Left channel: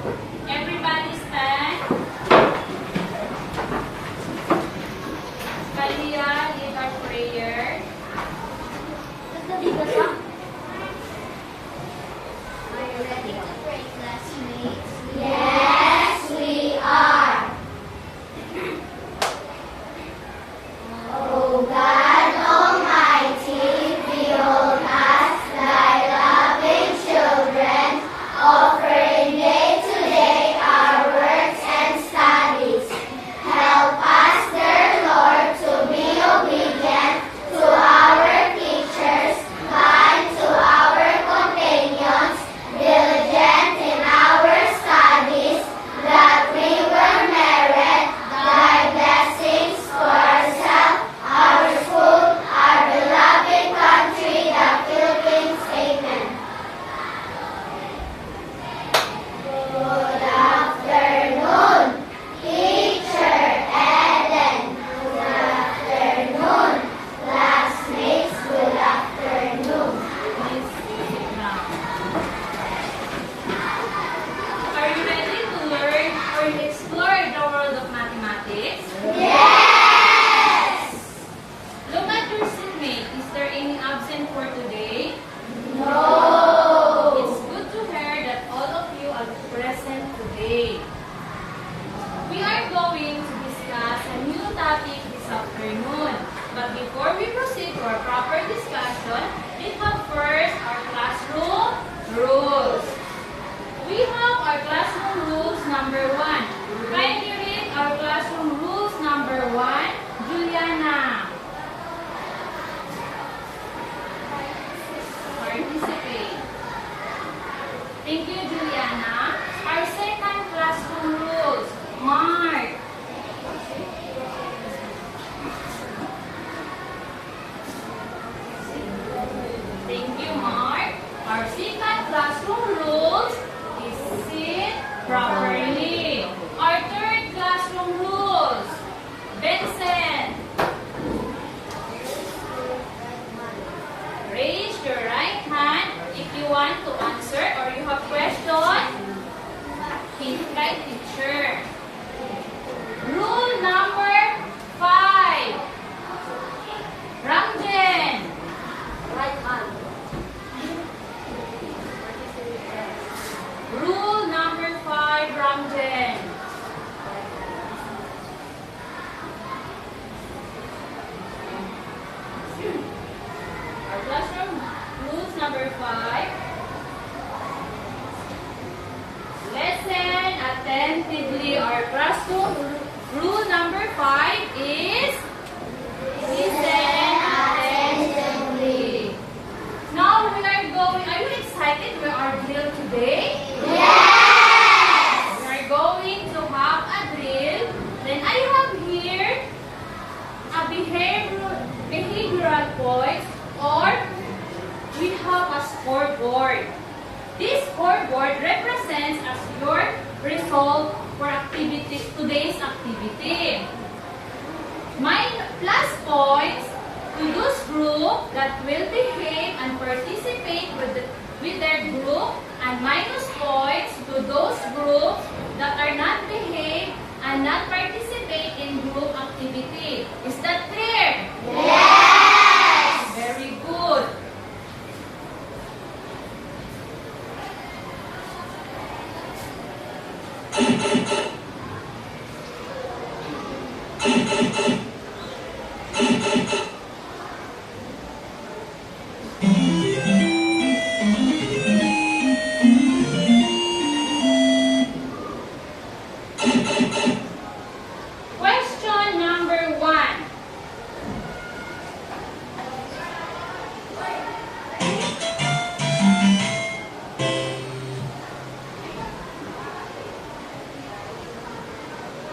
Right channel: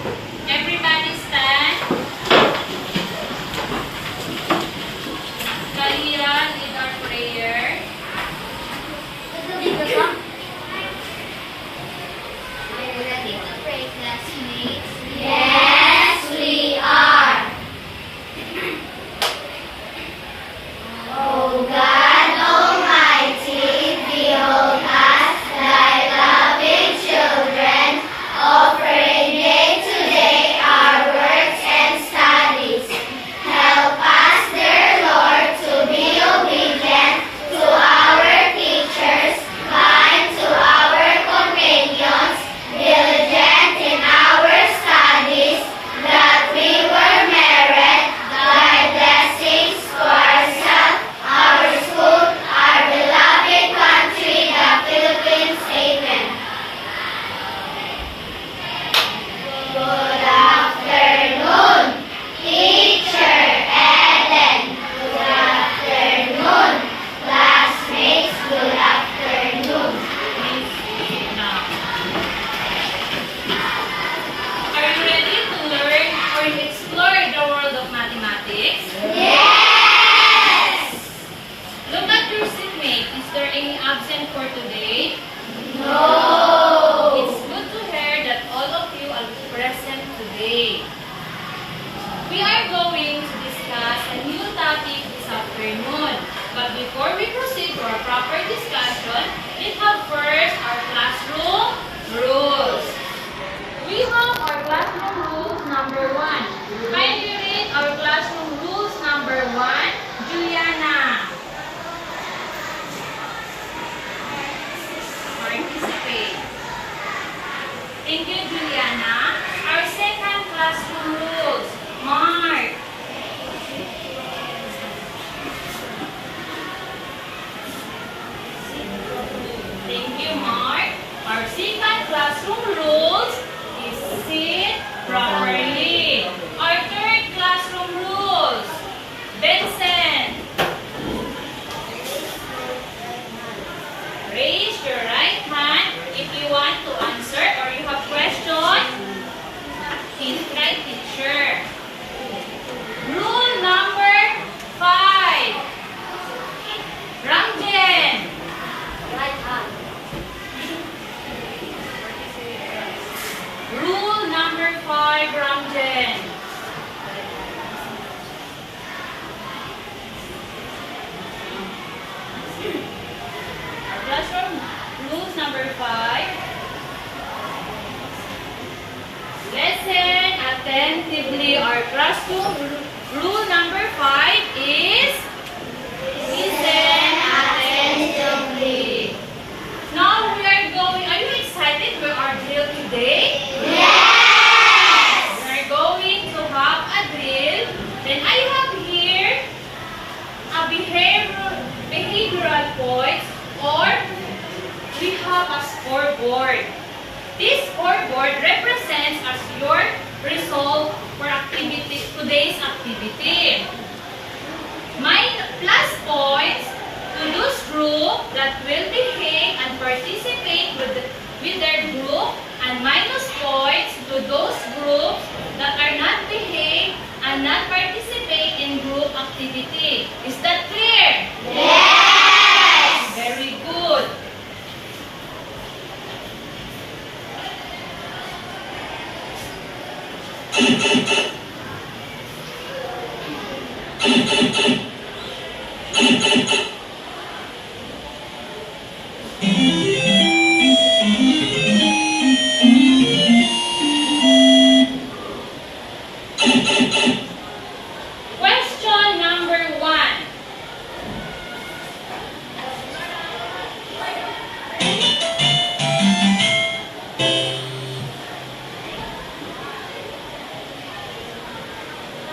Everybody stand. Kalia, lead our prayer. Are you ready to pray, classmates? Yes, we are. O God Almighty, behold us, thy loving children, offering day to day our works and studies. Help us, dear Lord, to be obedient to our teachers, kind to our companions, diligent in our studies, that we will merit thy blessings for ourselves, our school, our beloved country, the Philippines. Amen. Good afternoon, Teacher Ellen. Good afternoon, classmates. Good afternoon. Are you ready to learn or explore the world of mathematics? Yes! Look at your seatmate. Is there any absent for today? No! It's good to hear that all of you are present today. We are going to discuss a new topic this afternoon. But before we proceed to our proper discussion, let's have first our classroom rules. We have our classroom rules number 1. Kindly read our classroom rules number 1, Juliana. Participate. Thank you, Juliana. Our second classroom rules, Mark. Thank you, Mark. Our second classroom rules is sit properly. Our third classroom rules, Vincent. Raise your right hand if you want to answer or you have questions. Right, teacher. Rule number 5. Ramjen. Right hand. Rule number 5, Ramjen. Our classroom rules number 5. Listen attentively. Our classroom rule number 5 is listen attentively. Now we are going. Are you excited for our drill today? Yes! We are going to have a drill. Then I have here a behavioral points, or we have a scoreboard. This scoreboard represents as your result for today's activity. Plus points to those group that will behave and participate with their group, and minus points to those groups that are not behave and not participate in group activity. Is that clear? Yes! Very good. Question number 1.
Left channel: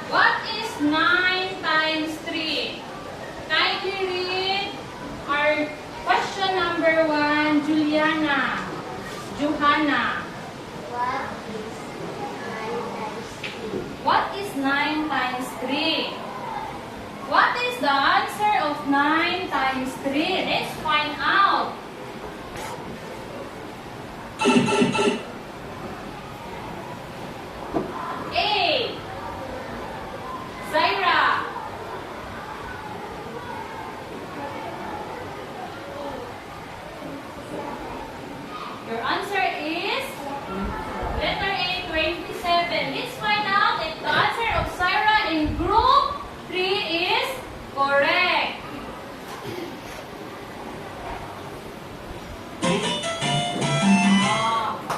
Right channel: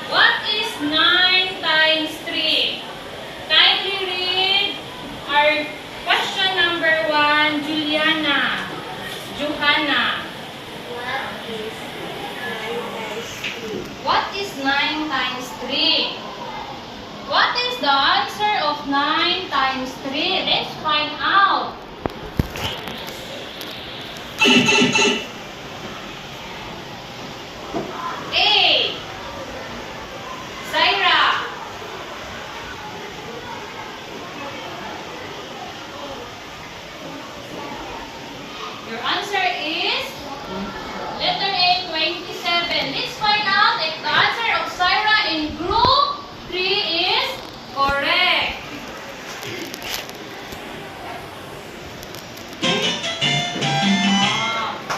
What is 9 times 3? Kindly read our question number 1, Juliana. Johanna. What is 9 times 3? What is 9 times 3? What is the answer of 9 times 3? Let's find out.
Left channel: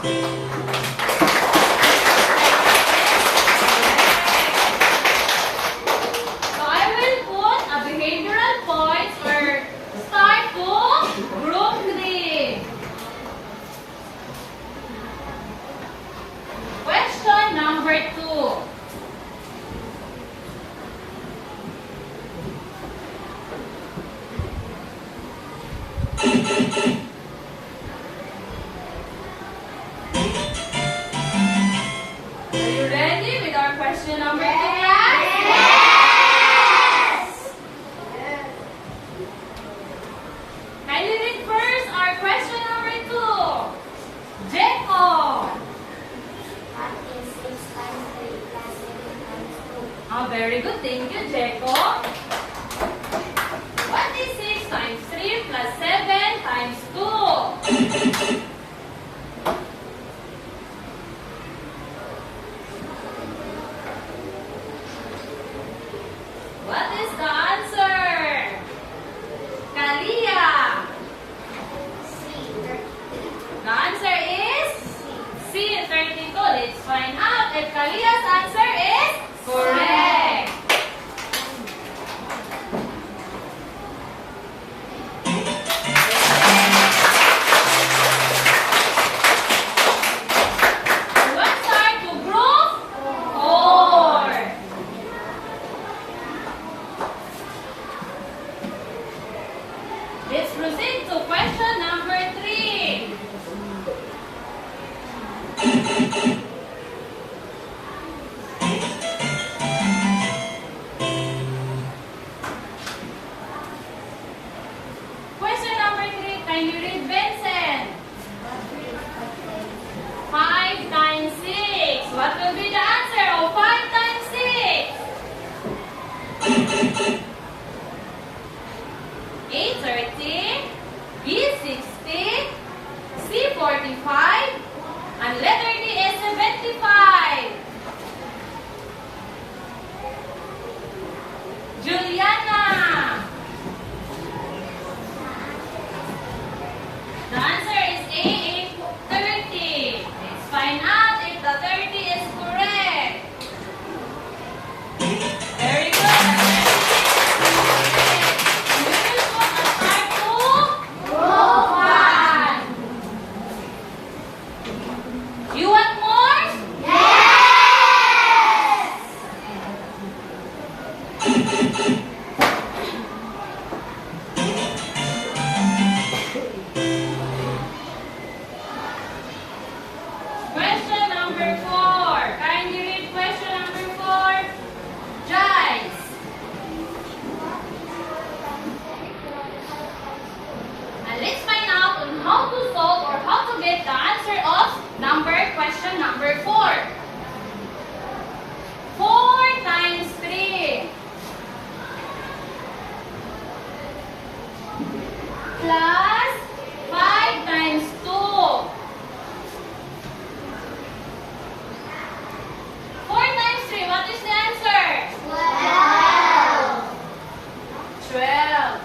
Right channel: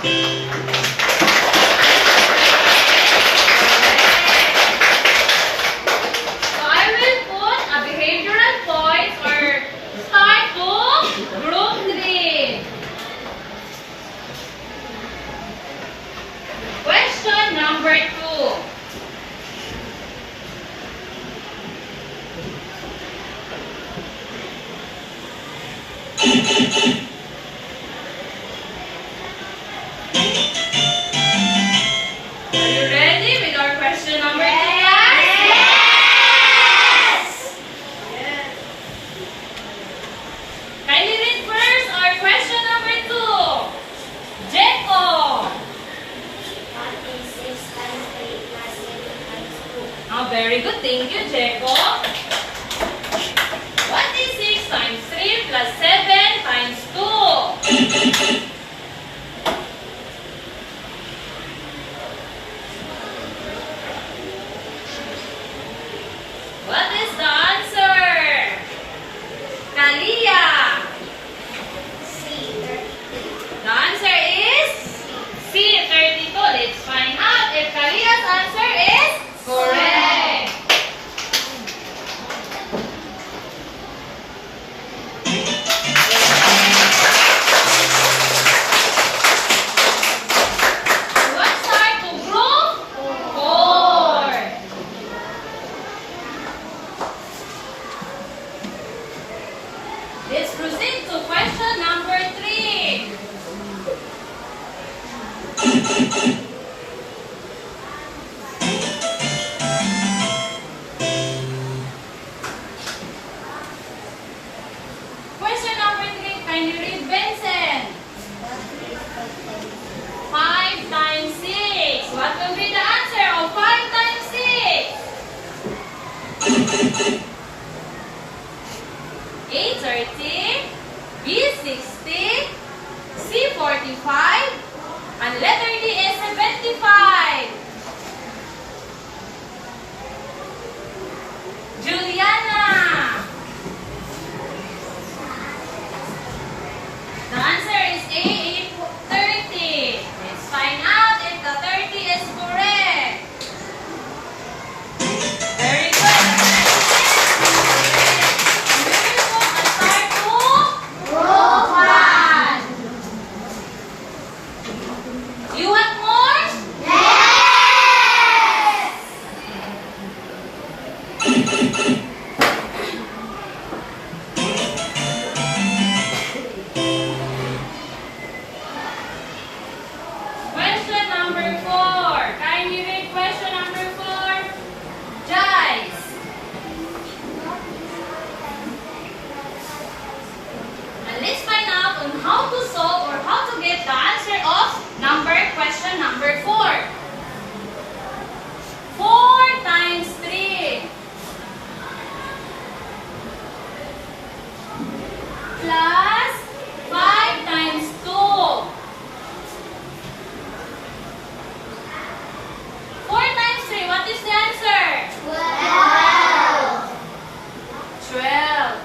So I will put a behavioral points or start to group 3. Question number 2. Are you ready with our question number 3? Kindly read first our question number 2. Jeko. What is 6 times 3 plus 7 times 2? Oh, very good. Thank you, Jeko. What is 6 times 3 plus 7 times 2? What is the answer? Kalia. The answer is C, 32. Let's find out if Kalia's answer is correct. Let's start to group 4. Let's proceed to question number 3. Question number 3, kindly read Benson. 5 times 6. What will be the answer of 5 times 6? A30, B60, C45, and letter D is 75. Juliana. The answer is A, 30. Let's find out if the 30 is correct. Very good. We will go on part 2. Group 1. You want more? Yes. Question number 4. Kindly read question number 4. Joyce. And let's find out on how to solve or how to get the answer of question number 4. 4 times 3 plus 5 times 2. 4 times 3, what is the answer? 12. 12.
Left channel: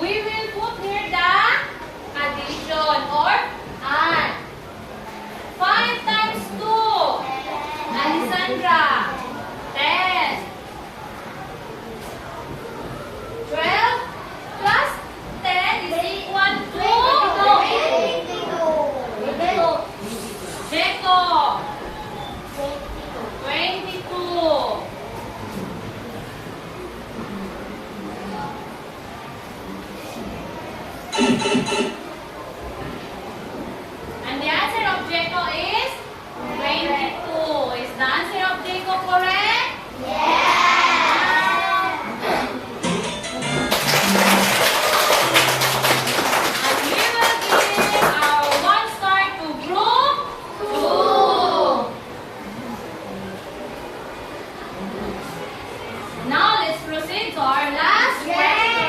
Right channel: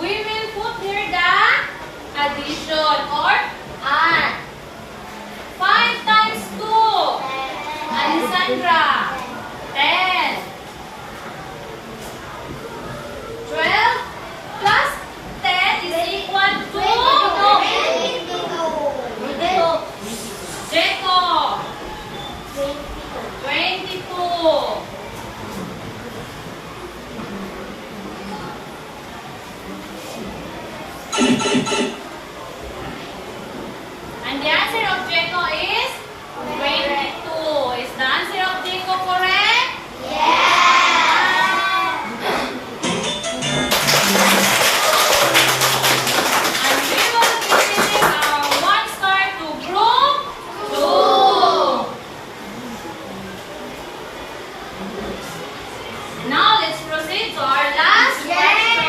We will put here the addition or add. 5 times 2. Alessandra. 10. 12 plus 10 is equal to Jeko. 22. And the answer of Jeko is 22. Is the answer of Jeko correct? And we will give our 1 star to group 2. Now let's proceed to our last question.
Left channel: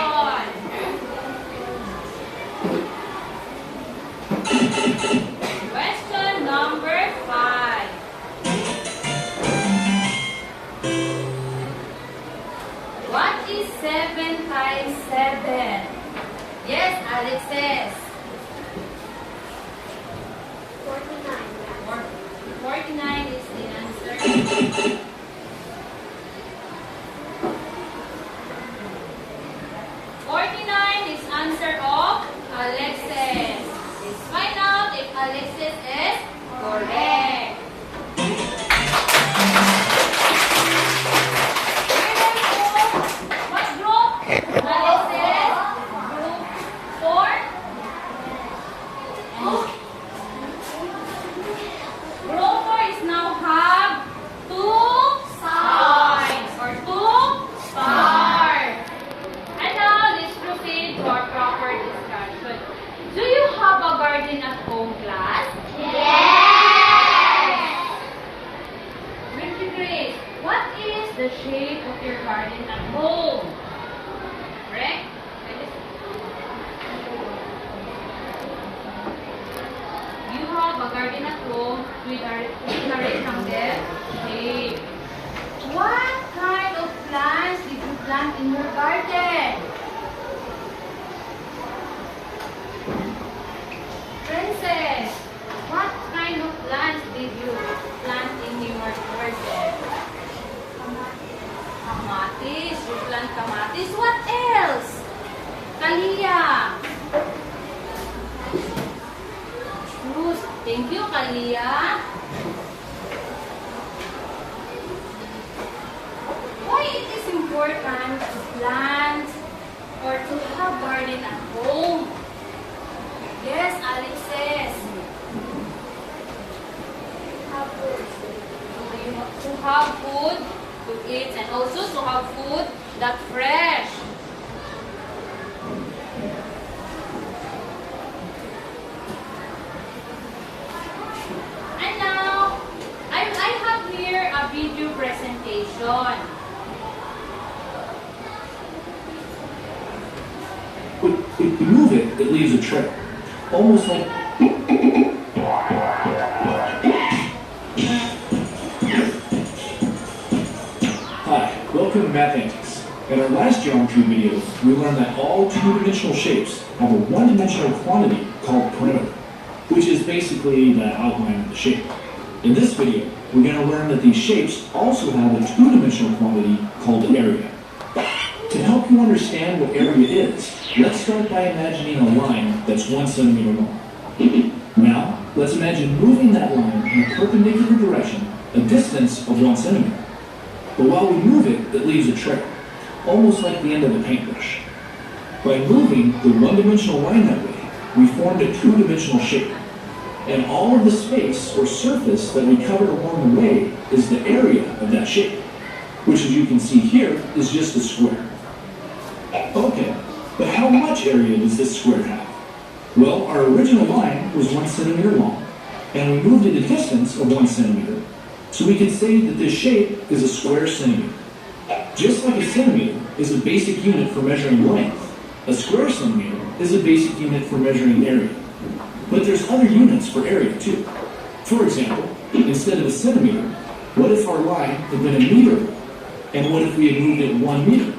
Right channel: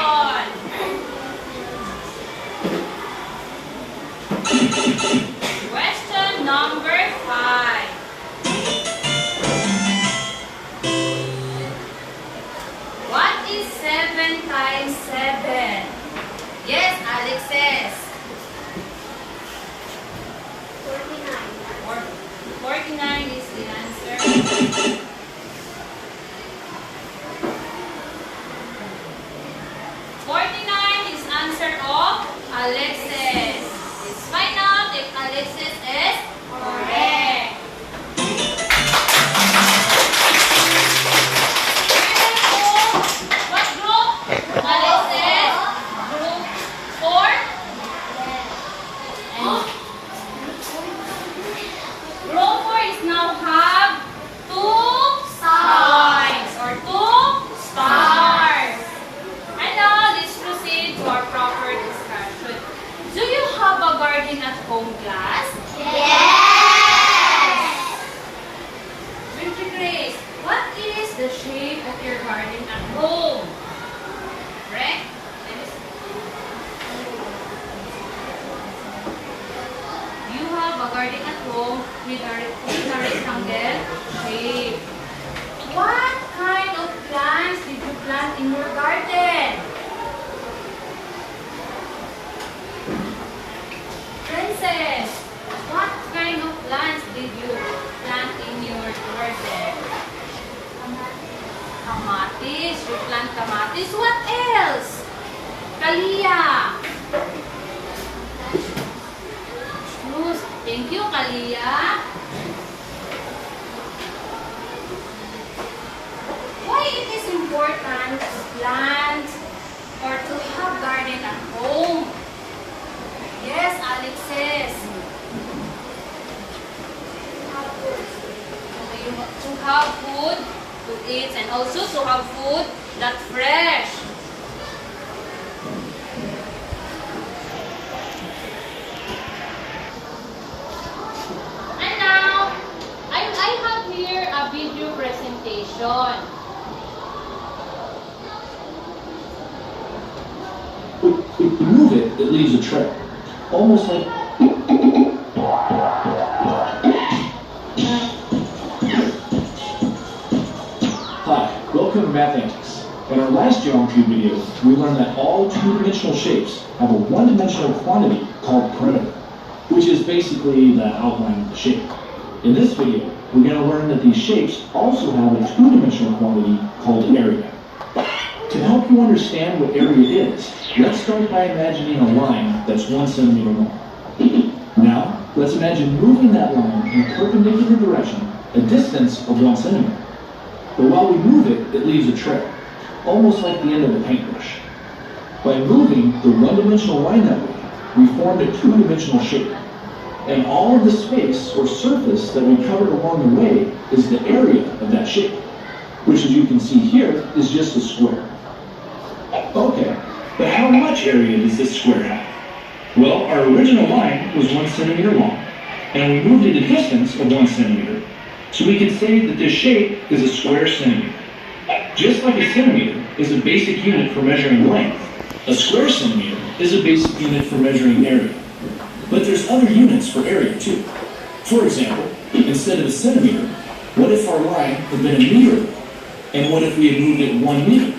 Question number 5. What is 7 times 7? Yes, Alex says. 49 is answer of Alexis. Let's find out if Alexis is correct. What group? Alexis? Group 4? Group 4 is now have 2 sides or 2 stars. And now let's proceed to our proper discussion. Do you have a garden at home, class? Baby Grace, what is the shape of your garden at home? Correct? You have a garden at home with a rectangle shape. What kind of plants did you plant in your garden? Princess, what kind of plants did you plant in your garden? Kamatis. You plant kamatis. What else? Kalia. Shoes. Thank you, Kalia. Why it is important to plant or to have garden at home? Yes, Alexis. To have food to eat and also to have food that's fresh. And now, I have here a video presentation. If you move it, it leaves a trail. Almost like... Hi, welcome to Math Antics. In our last geometry video, we learned that all two-dimensional shapes have a one-dimensional quantity called perimeter, which is basically the outline of the shape. In this video, we're going to learn that these shapes also have a two-dimensional quantity called area. To help you understand what area is, let's start by imagining a line that's 1 centimeter long. Now, let's imagine moving that line in a perpendicular direction, a distance of 1 centimeter. But while we move it, it leaves a trail, almost like the end of a paintbrush. By moving the one-dimensional line that way, we formed a two-dimensional shape. And all of the space or surface that we covered along the way is the area of that shape, which as you can see here is just a square. Okay, but how much area does this square have? Well, our original line was 1 centimeter long, and we moved it a distance of 1 centimeter. So we can say that this shape is a square centimeter. Just like a centimeter is a basic unit for measuring length, a square centimeter is a basic unit for measuring area. But there's other units for area too. For example, instead of a centimeter, what if our line had been a meter long? And what if we had moved it 1 meter?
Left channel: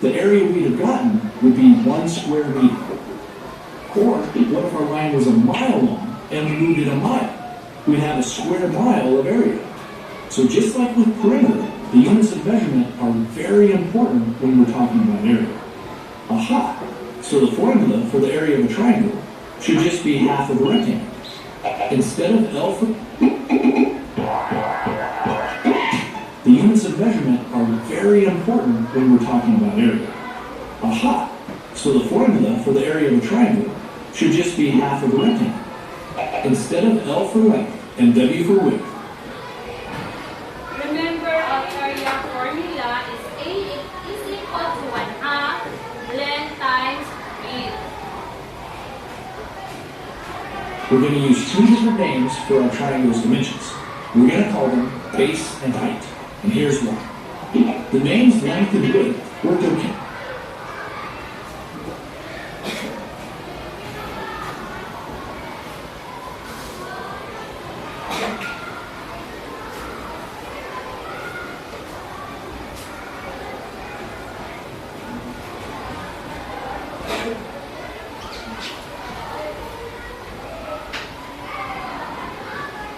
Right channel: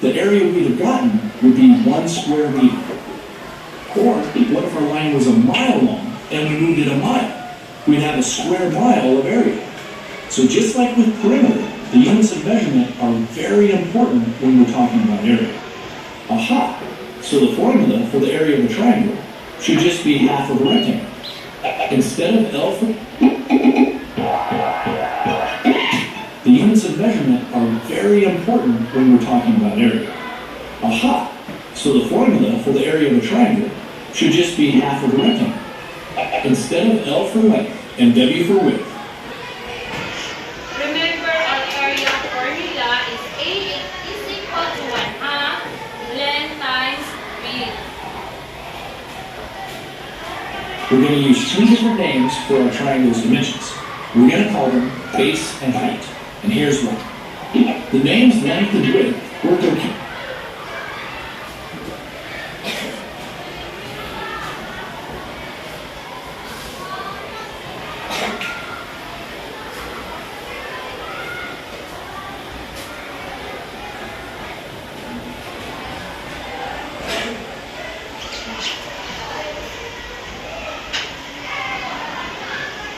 The area we'd have gotten would be 1 square meter. Or what if our line was a mile long and we moved it a mile? We'd have a square mile of area. So just like with perimeter, the units of measurement are very important when we're talking about area. Aha! So the formula for the area of a triangle should just be half of a rectangle. Instead of L for... The units of measurement are very important when we're talking about area. Aha! So the formula for the area of a triangle should just be half of a rectangle. Instead of L for length and W for width. Remember, our area formula is A is equal to 1/2 length times width. We're going to use two different names for our triangle's dimensions. We're going to call them base and height. And here's why. The names length and width work okay.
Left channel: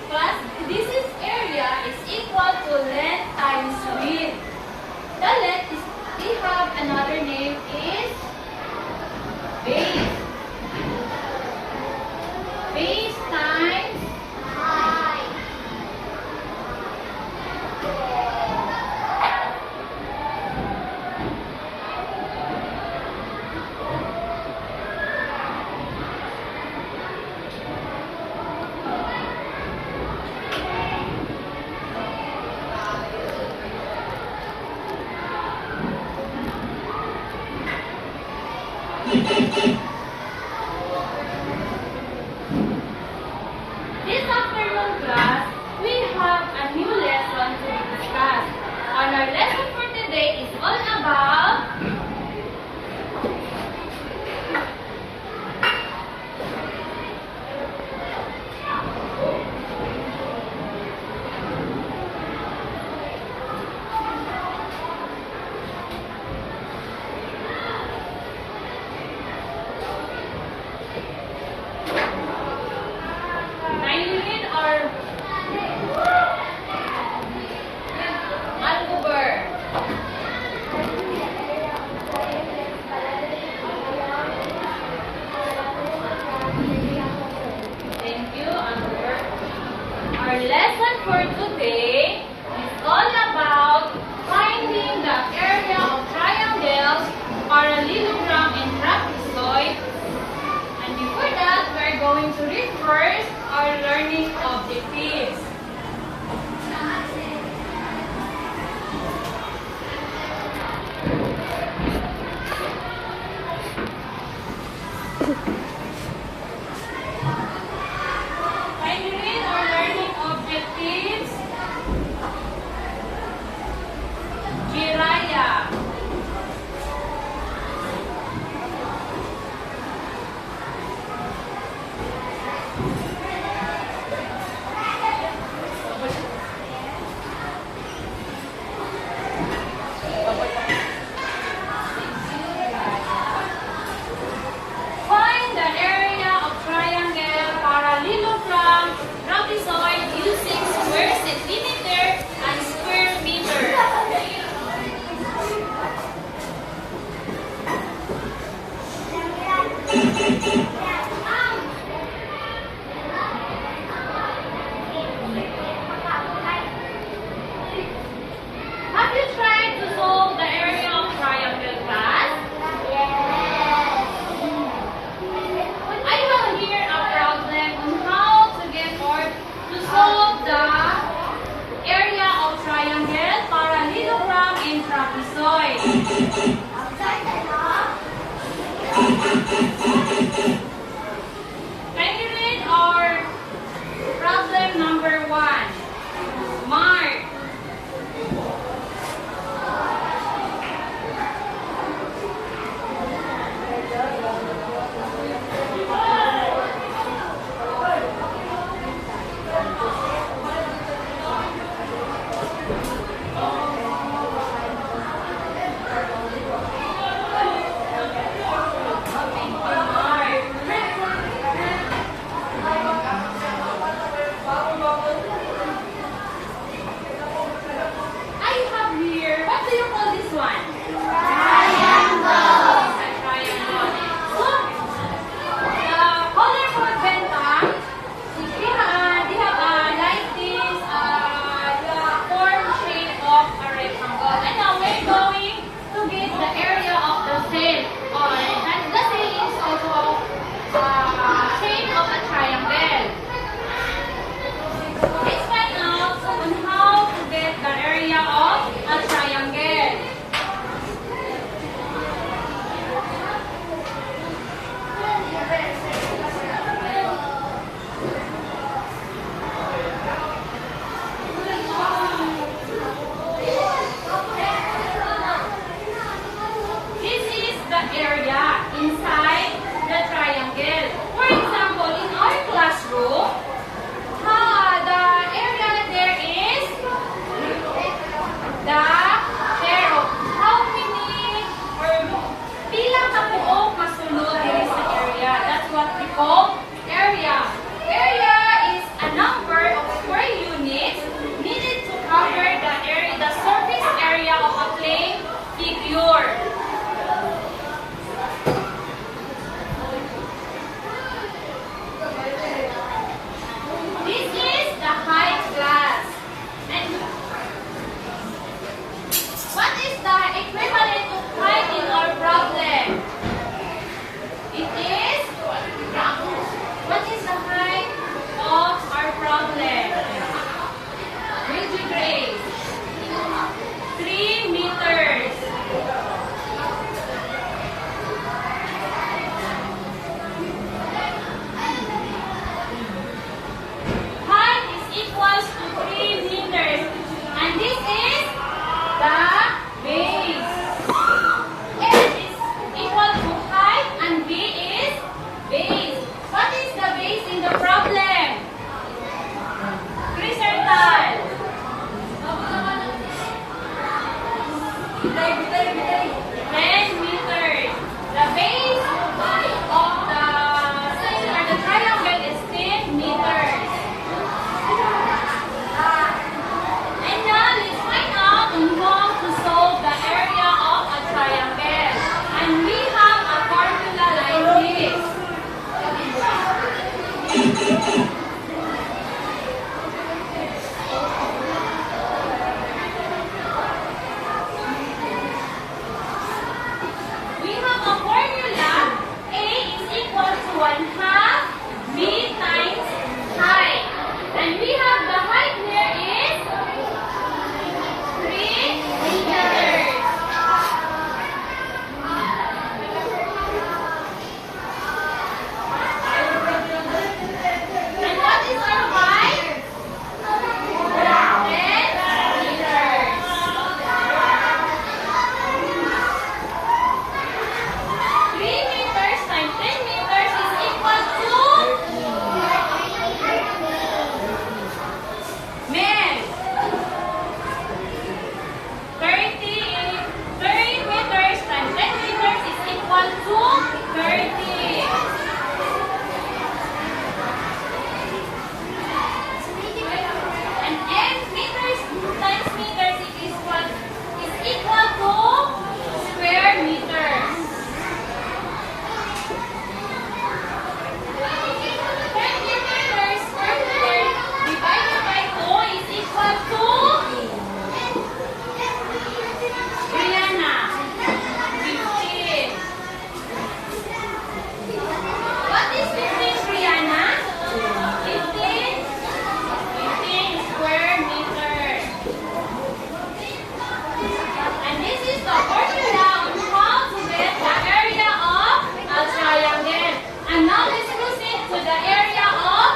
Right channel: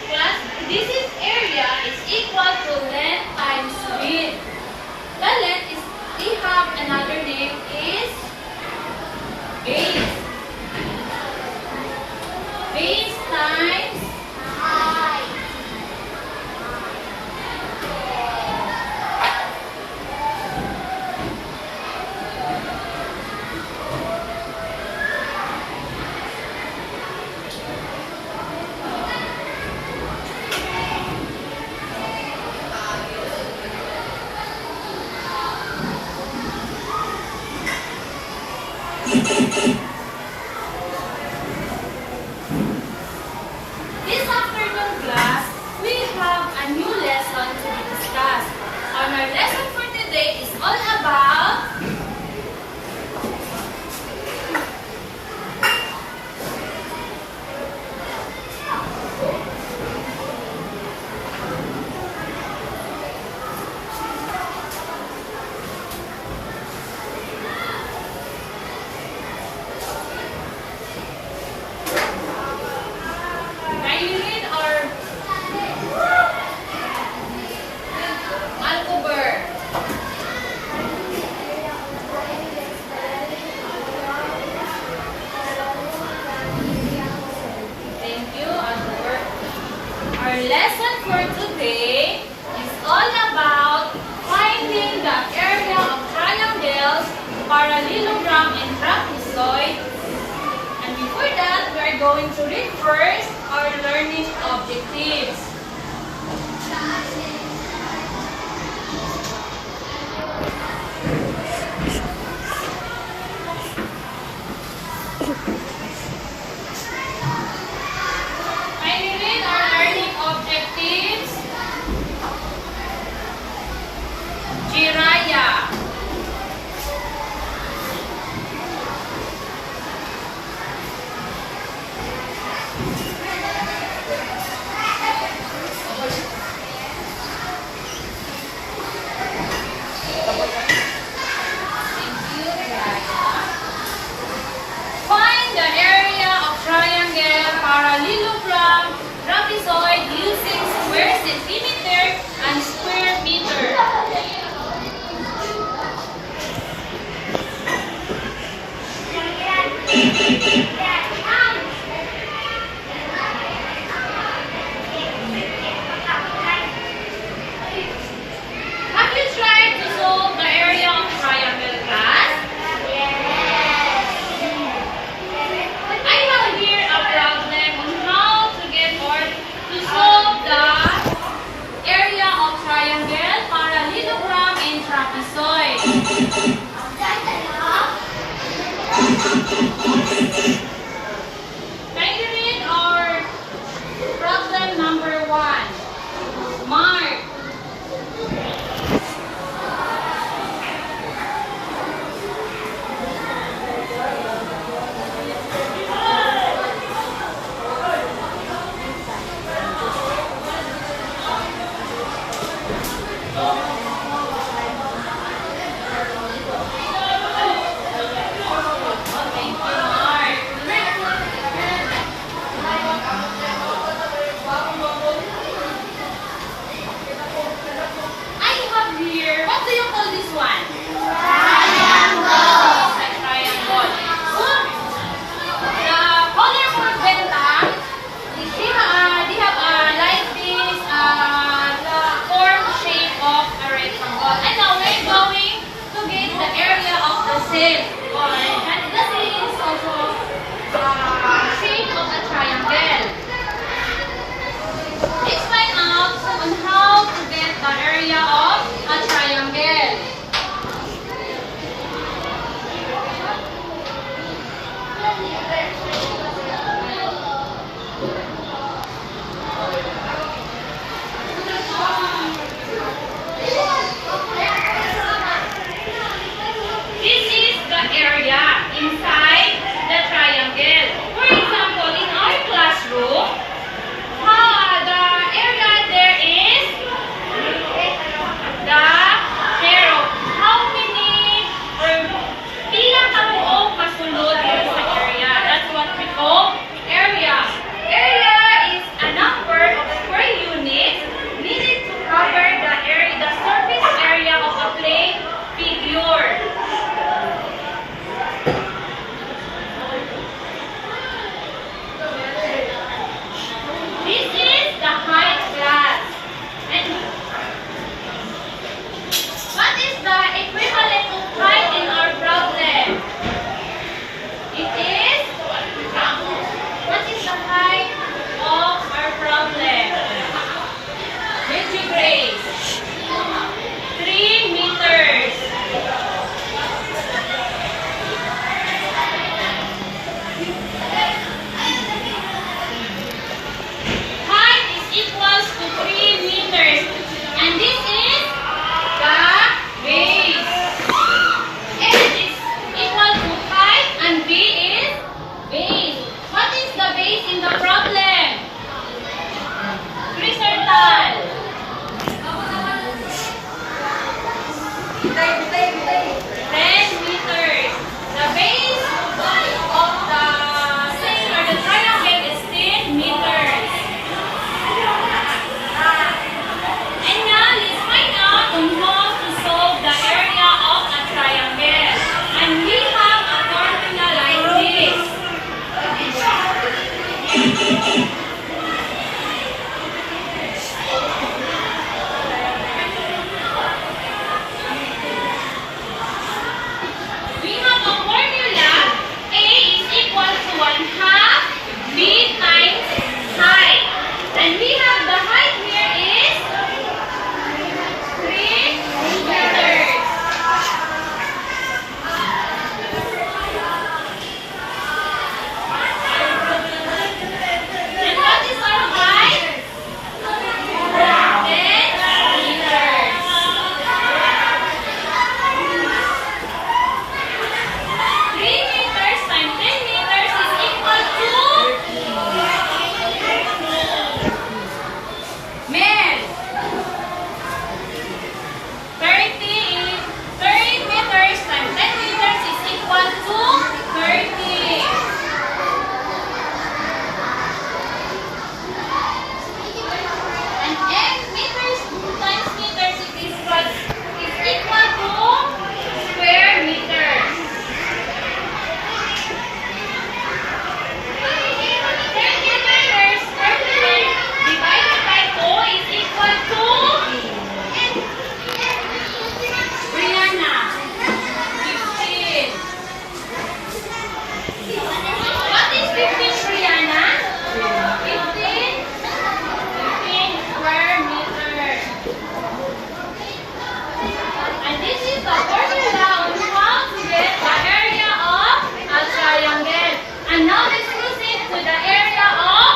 Plus, this is area is equal to Base times height. this afternoon class, we have a new lesson to be discussed. And our lesson for today is all about Nylene or Alcover. Thank you, Alcover. Our lesson for today is all about finding the area of triangles, parallelogram, and trapezoid. And before that, we are going to read first our learning objectives. Can you read our learning objectives? Jiraya. in the problem? Crisertal. 10 meters. The base of the sail or the triangle is 10 meters. And now let's find out on how to solve the area of a triangle. And we have a formula like this. We have a formula. A is equal to 1/2 B times height. And we have the height here is 3 meters. And what is our height? 10 meters. 3 meters times 10 meters is equal to men. 30 meters times 10 meters is equal to 30. And x meters times meters is equal to square meters. 30 meters divided by 2 is equal to Brianna, 15. What is 15, Brianna? 15 square meters. And this is the formula on how to get the area of a triangle. And now let's proceed to the area of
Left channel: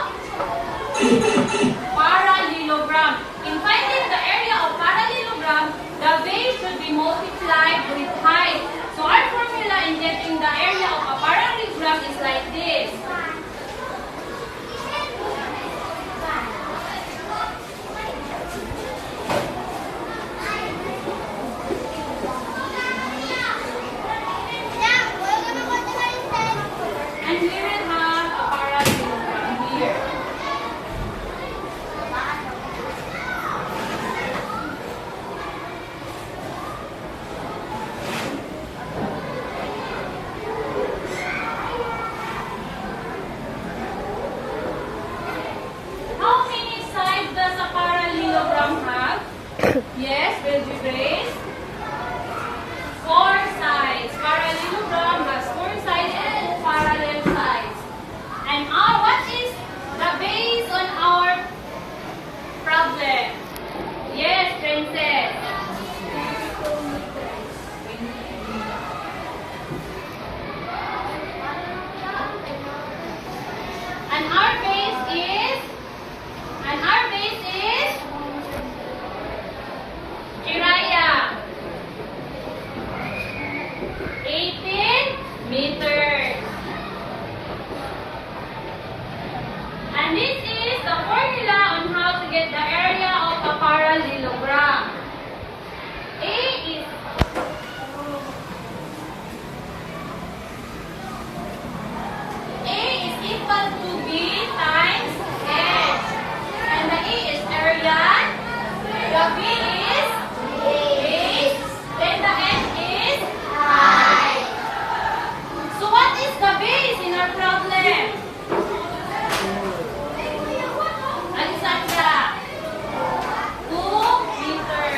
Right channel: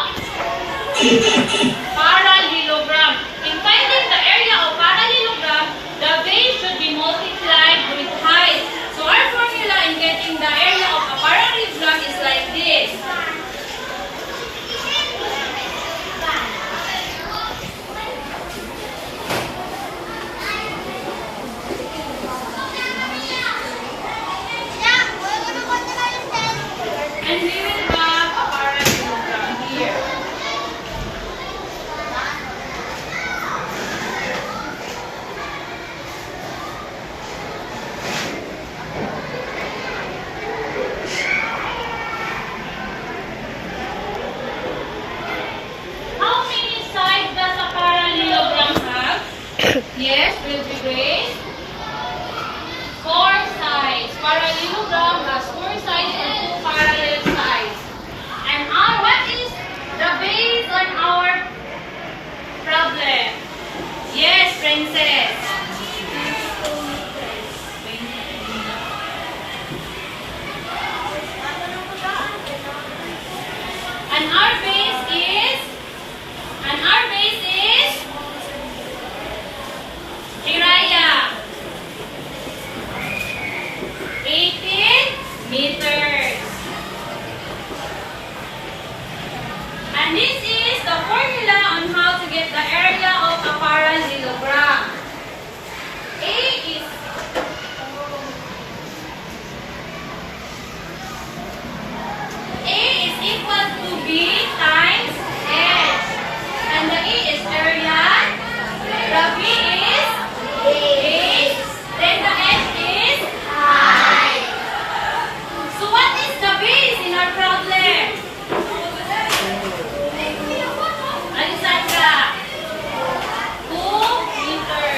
parallelogram. In finding the area of parallelogram, the base should be multiplied with height. So our formula in getting the area of a parallelogram is like this. And we will have a parallelogram here. How many sides does a parallelogram have? Yes, will be raised. 4 sides. Parallelogram has 4 sides and 2 parallel sides. And what is the base on our problem? Yes, princess. And our base is Jiraya. 18 meters. And this is the formula on how to get the area of a parallelogram. A is equal to B times H. And the A is area. The B is base. Then the H is height. So what is the base in our problem? Alexandra, 2 meters.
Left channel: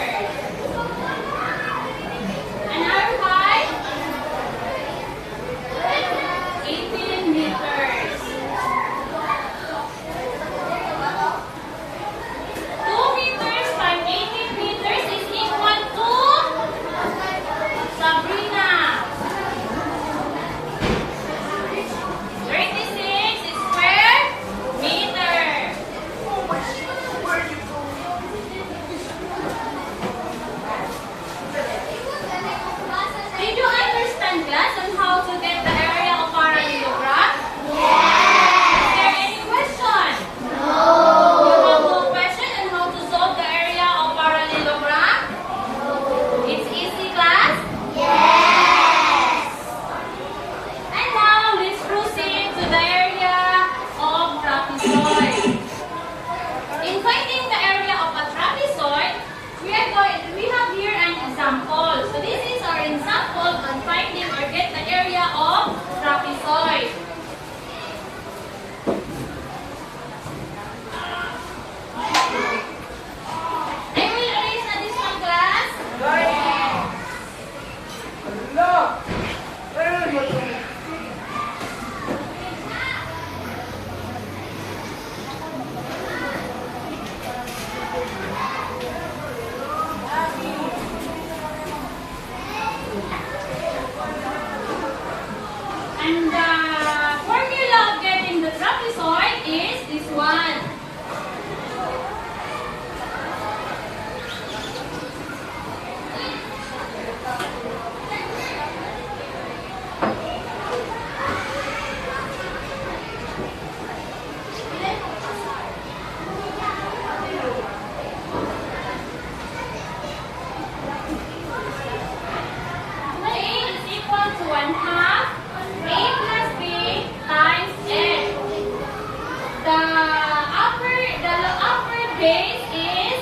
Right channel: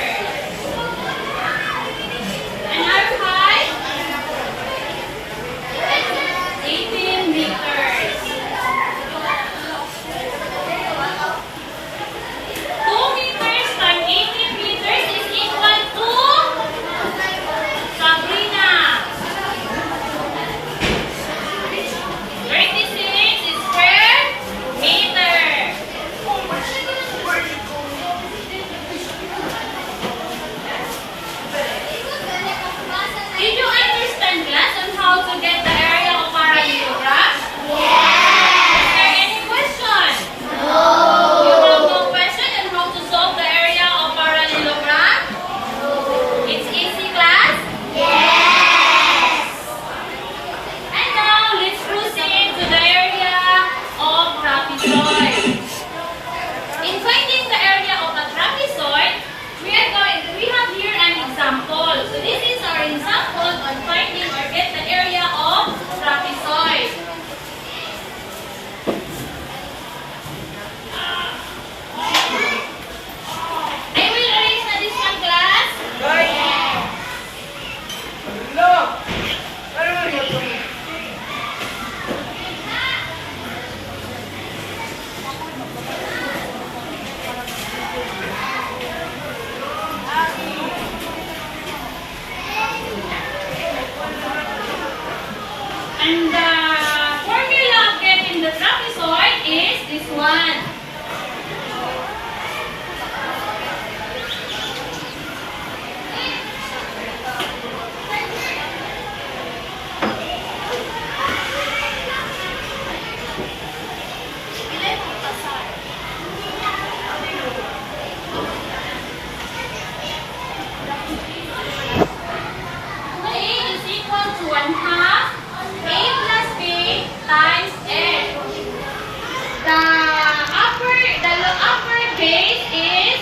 base is,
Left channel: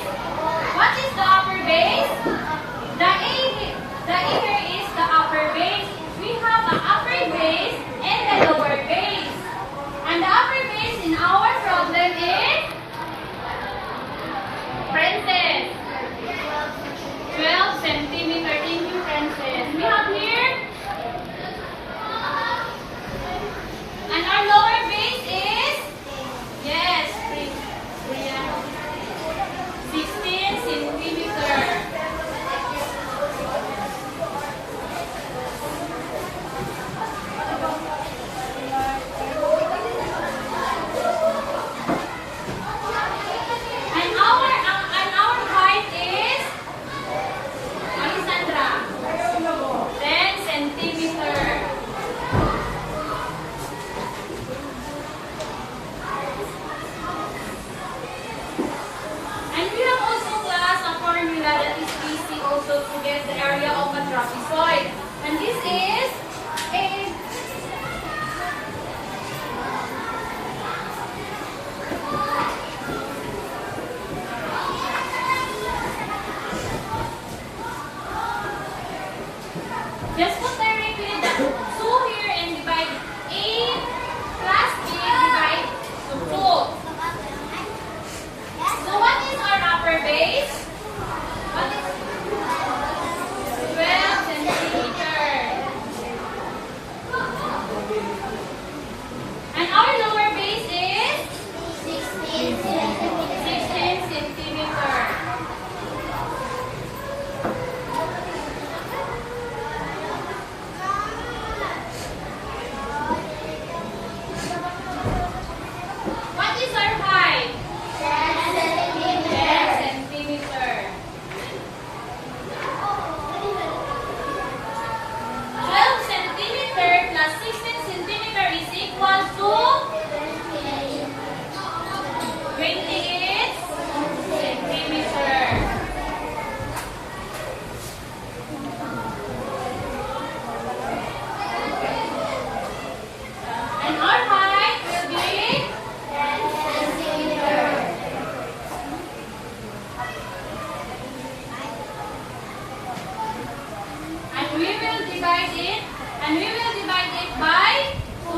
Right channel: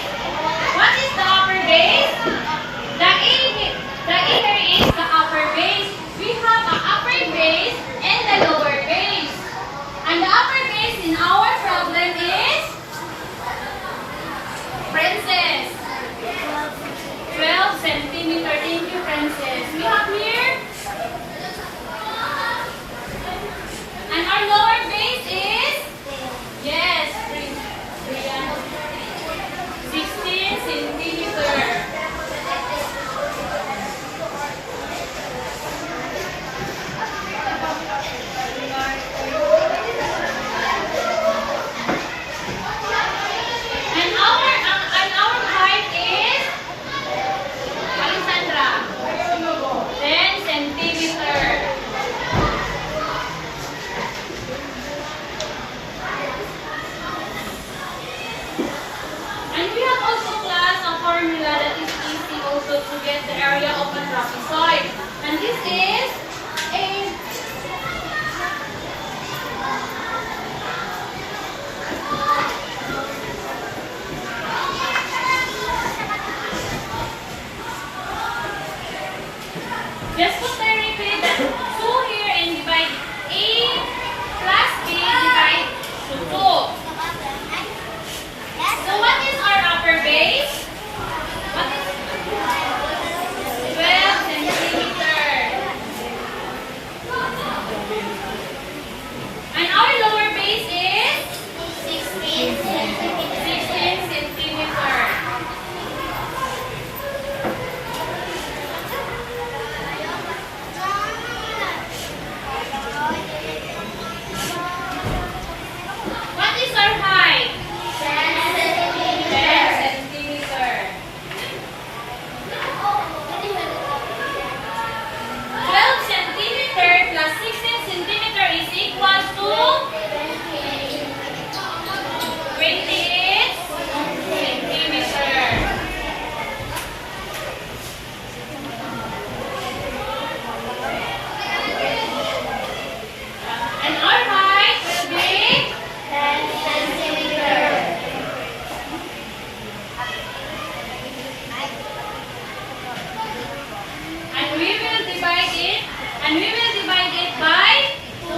what is the upper base? The A here is the upper base. We have an upper base and the lower base. And the upper base in our problem is, Princess, 12 centimeter. Thank you, Princess. We have here, and our lower base is, yes, 16 centimeter. And our height is, Alessandra, 10 centimeter. And we have also class a formula that is easy also to get the area of a trapezoid. And this is a just put directly the 2 here and divide A plus B divide to 2. So what is our upper base? What is 12 centimeter. And our lower base is 16 centimeters. 16 centimeter. What is our height? 10 centimeters. 10 centimeter. 12 centimeter plus 16 centimeter is equal to 28 centimeter. And our height will be 10 centimeters. and we will divide it by 2.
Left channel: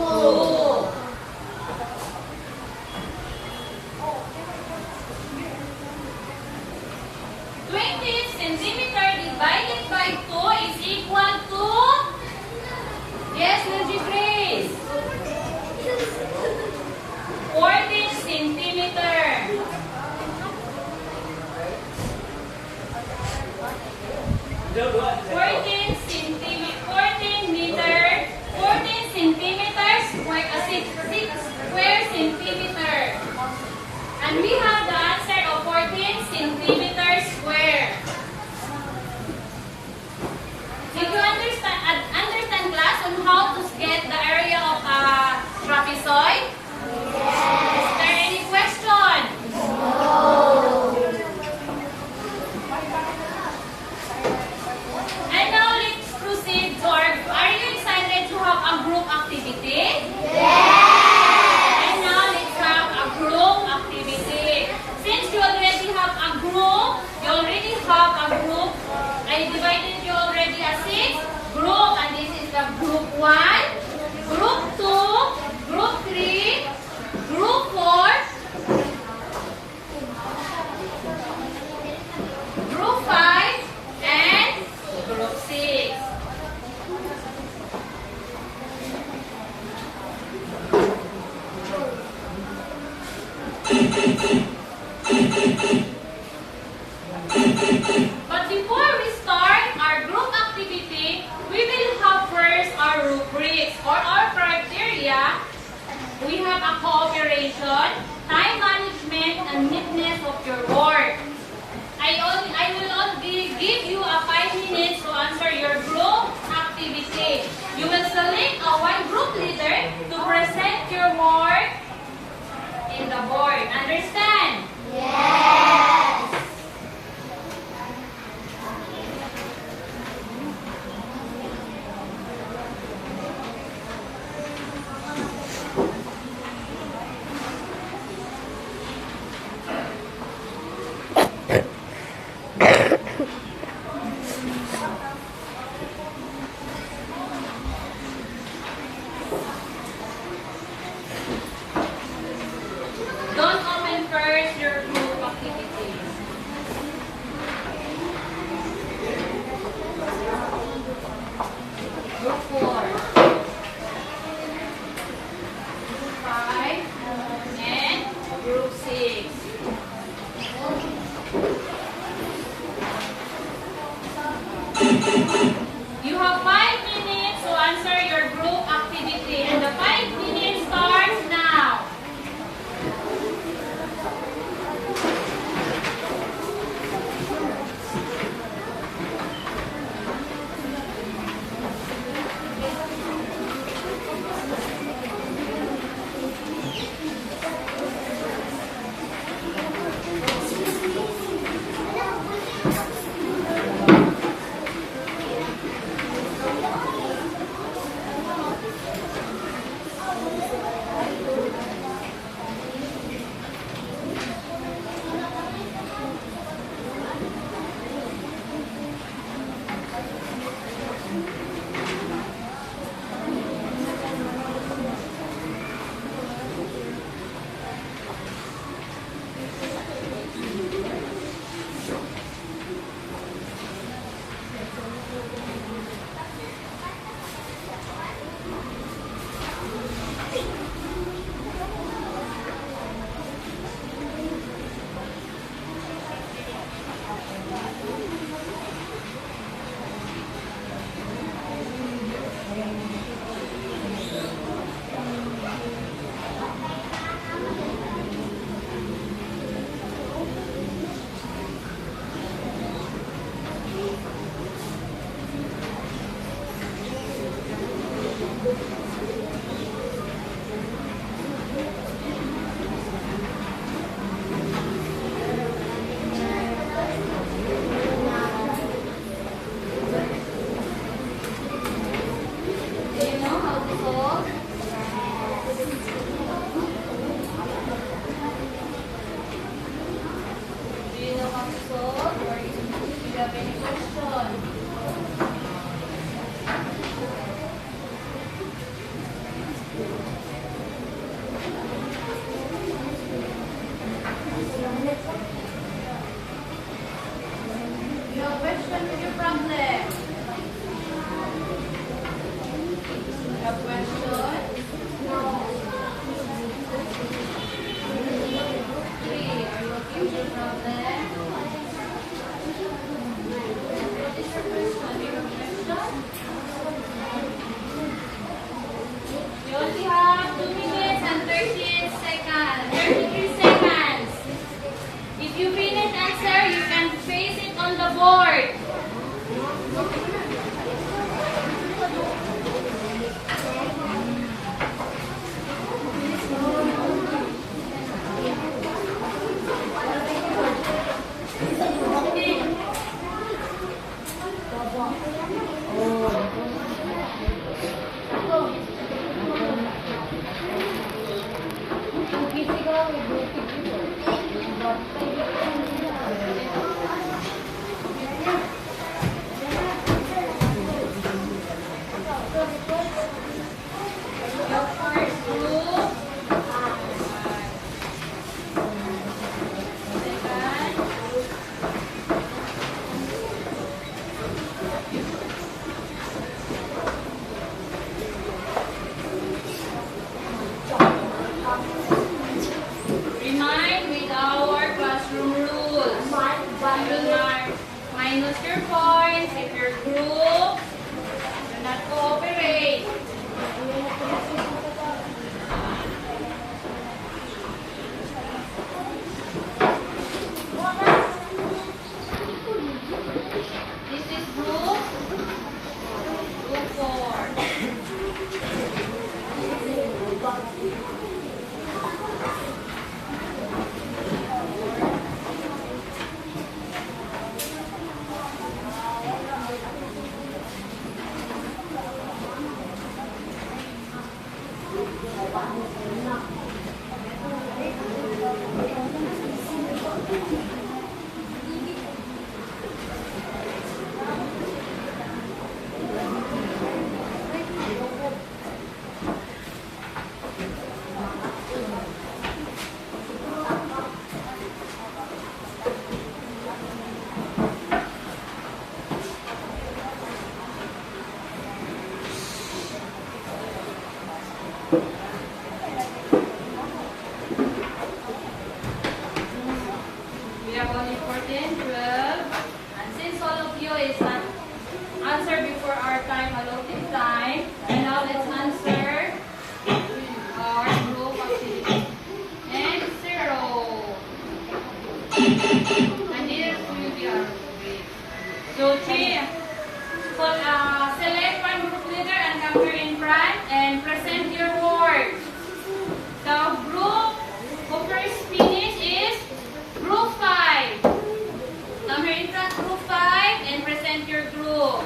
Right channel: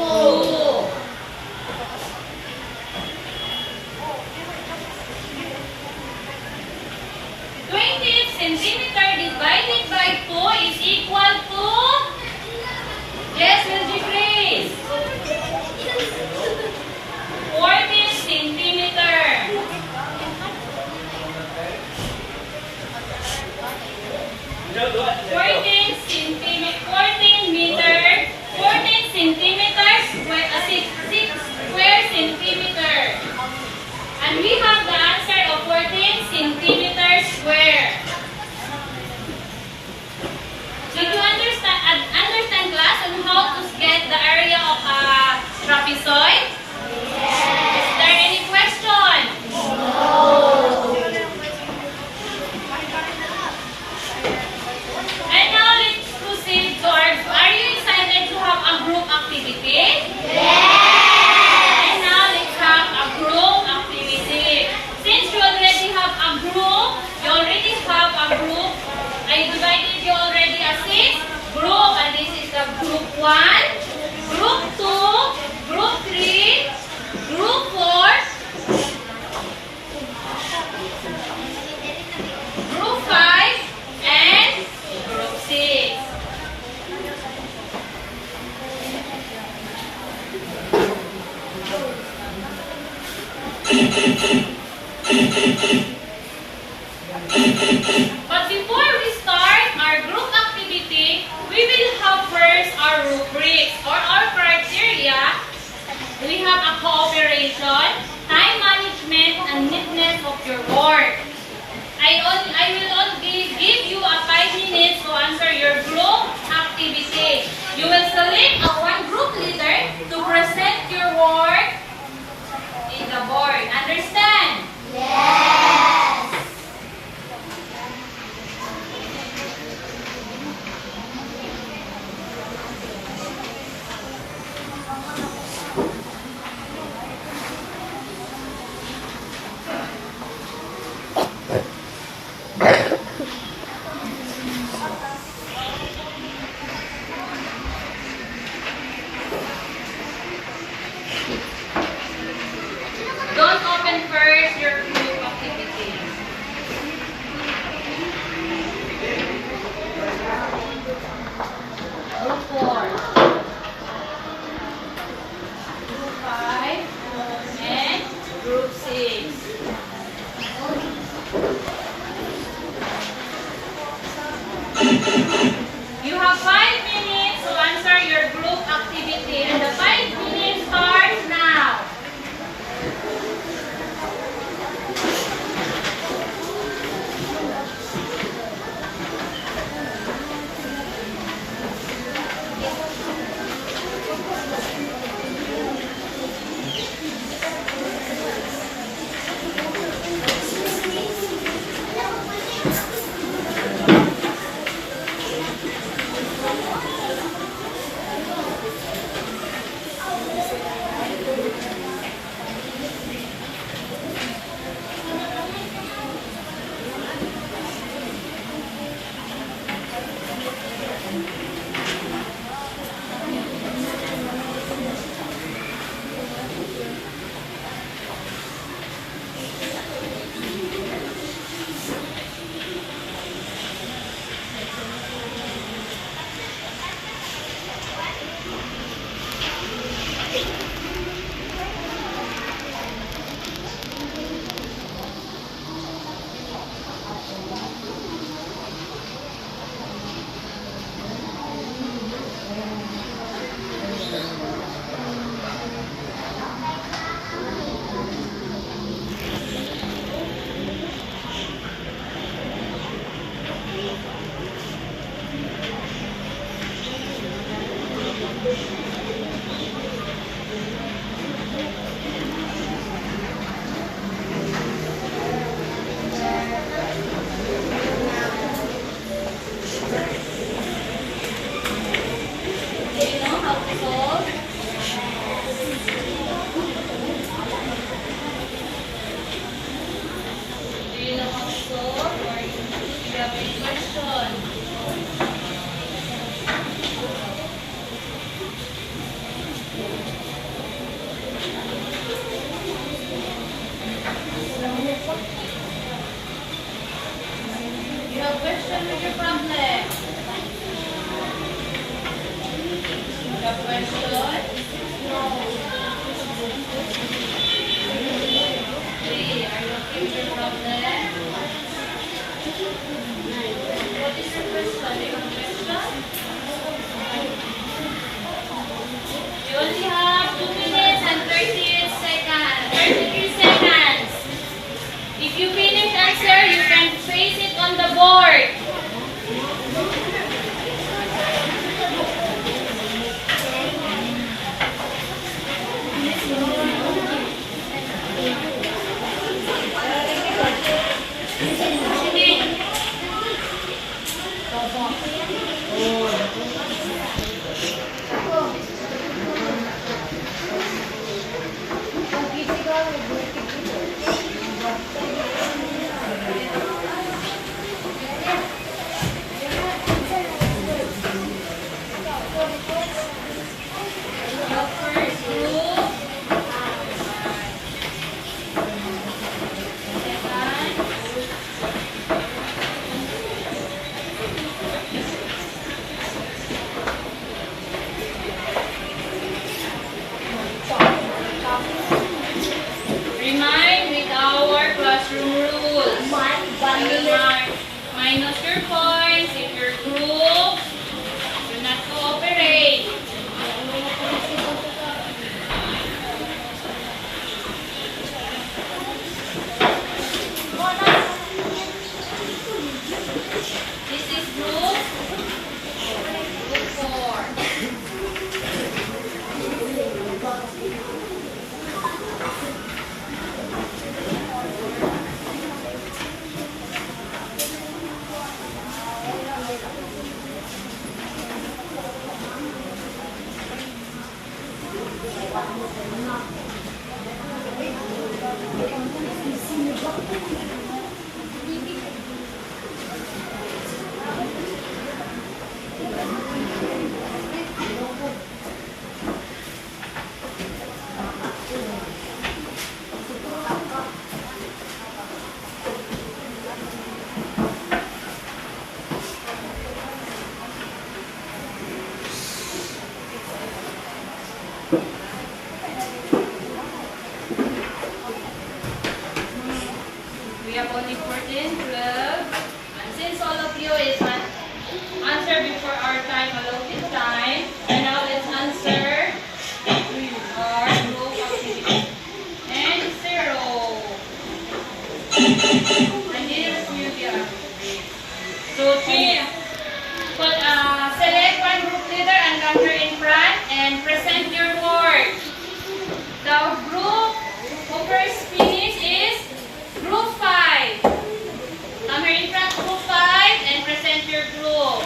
Centimeter divided by 2 is equal to, yes, Virgie Grace, 14 centimeter. 14 centimeters, 6 square centimeter. And we have the answer of 14 centimeters square. Did you understand class on how to get the area of a trapezoid? Is there any question? And now let's proceed to are you excited to have a group activity? And now let's have a group activity. Since you already have a group, I divided you already as 6 group, and this is the group 1, group 2, group 3, group 4, group 5, and group 6. But before we start our group activity, we will have first our rubrics or our criteria. We have a cooperation, time management, and neatness of your work. I will only give you a 5 minutes to answer your group activity. You will select a one group leader to present your work in the board. Understand? Yes. Don't open first your group activities. Group 4. Group 5. And group 6. You have 5 minutes to answer your group activity, and the 5 minutes starts now. Do you know how to solve? Do you know how to solve, or do you have any question? You have question with your problem? You have question? Three, are you okay with your problem? What is your question? Do you have question? You only have 2 minutes and 38 seconds. 33 seconds. If you finish answer, you can face it on the board. Your first group. Second. Remind with our classroom rules. You will mark minus your points if your group do not cooperate. This is group 4. And here will be our grade. So three, select one group leader and gather in front and present your work. The group who first finish is group 5. Come here in front, group 5, and present your group.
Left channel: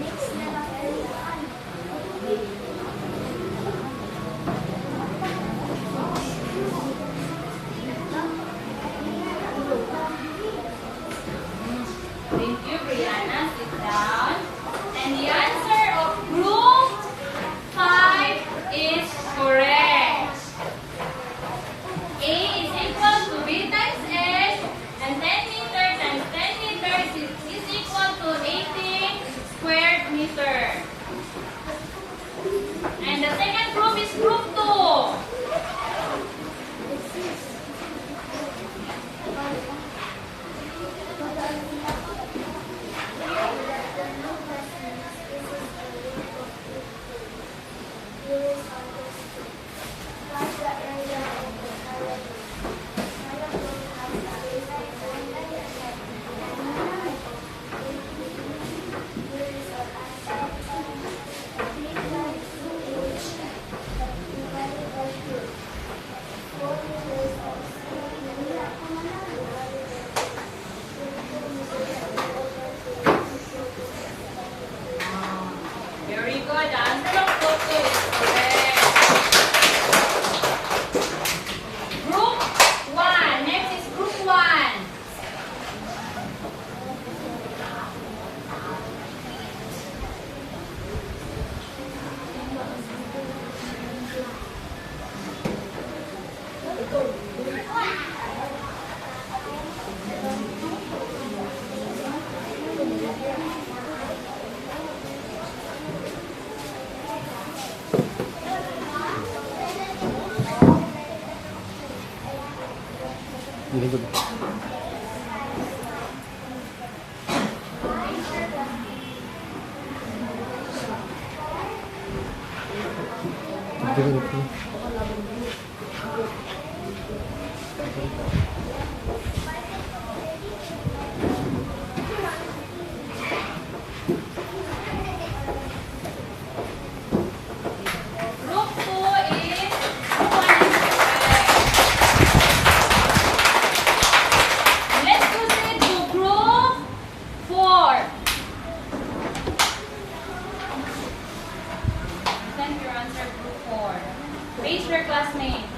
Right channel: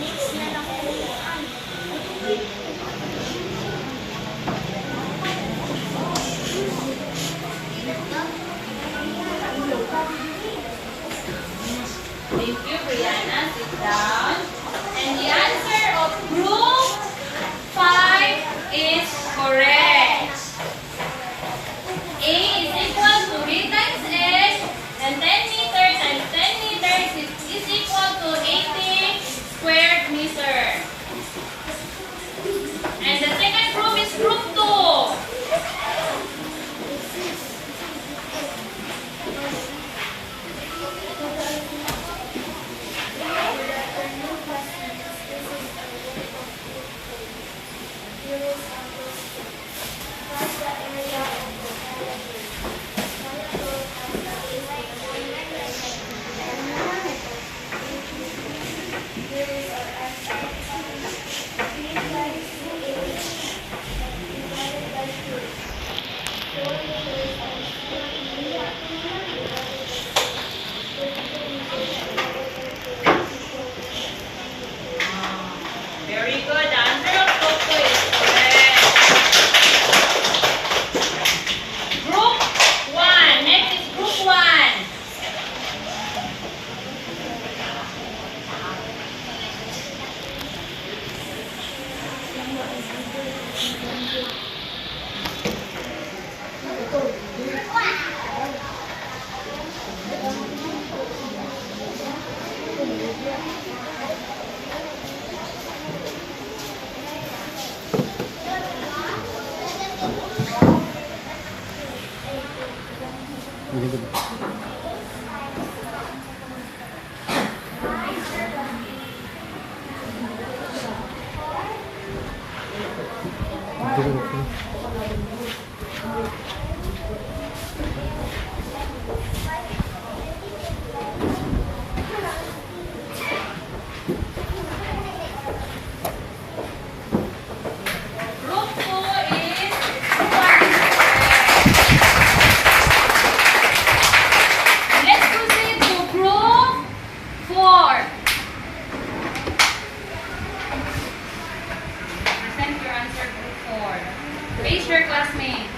Next na lang po. Thank you, Brianna. Sit down. And the answer of group 5 is correct. A is equal to B times H, and 10 meter times 10 meters is equal to 80 square meter. And the second group is group 2. Very good. The answer of group 2 is correct. Group 1. Next is group 1. Group 2 is group 1 is correct. And let's proceed to group 4. Present your answer, group 4. Face your classmate.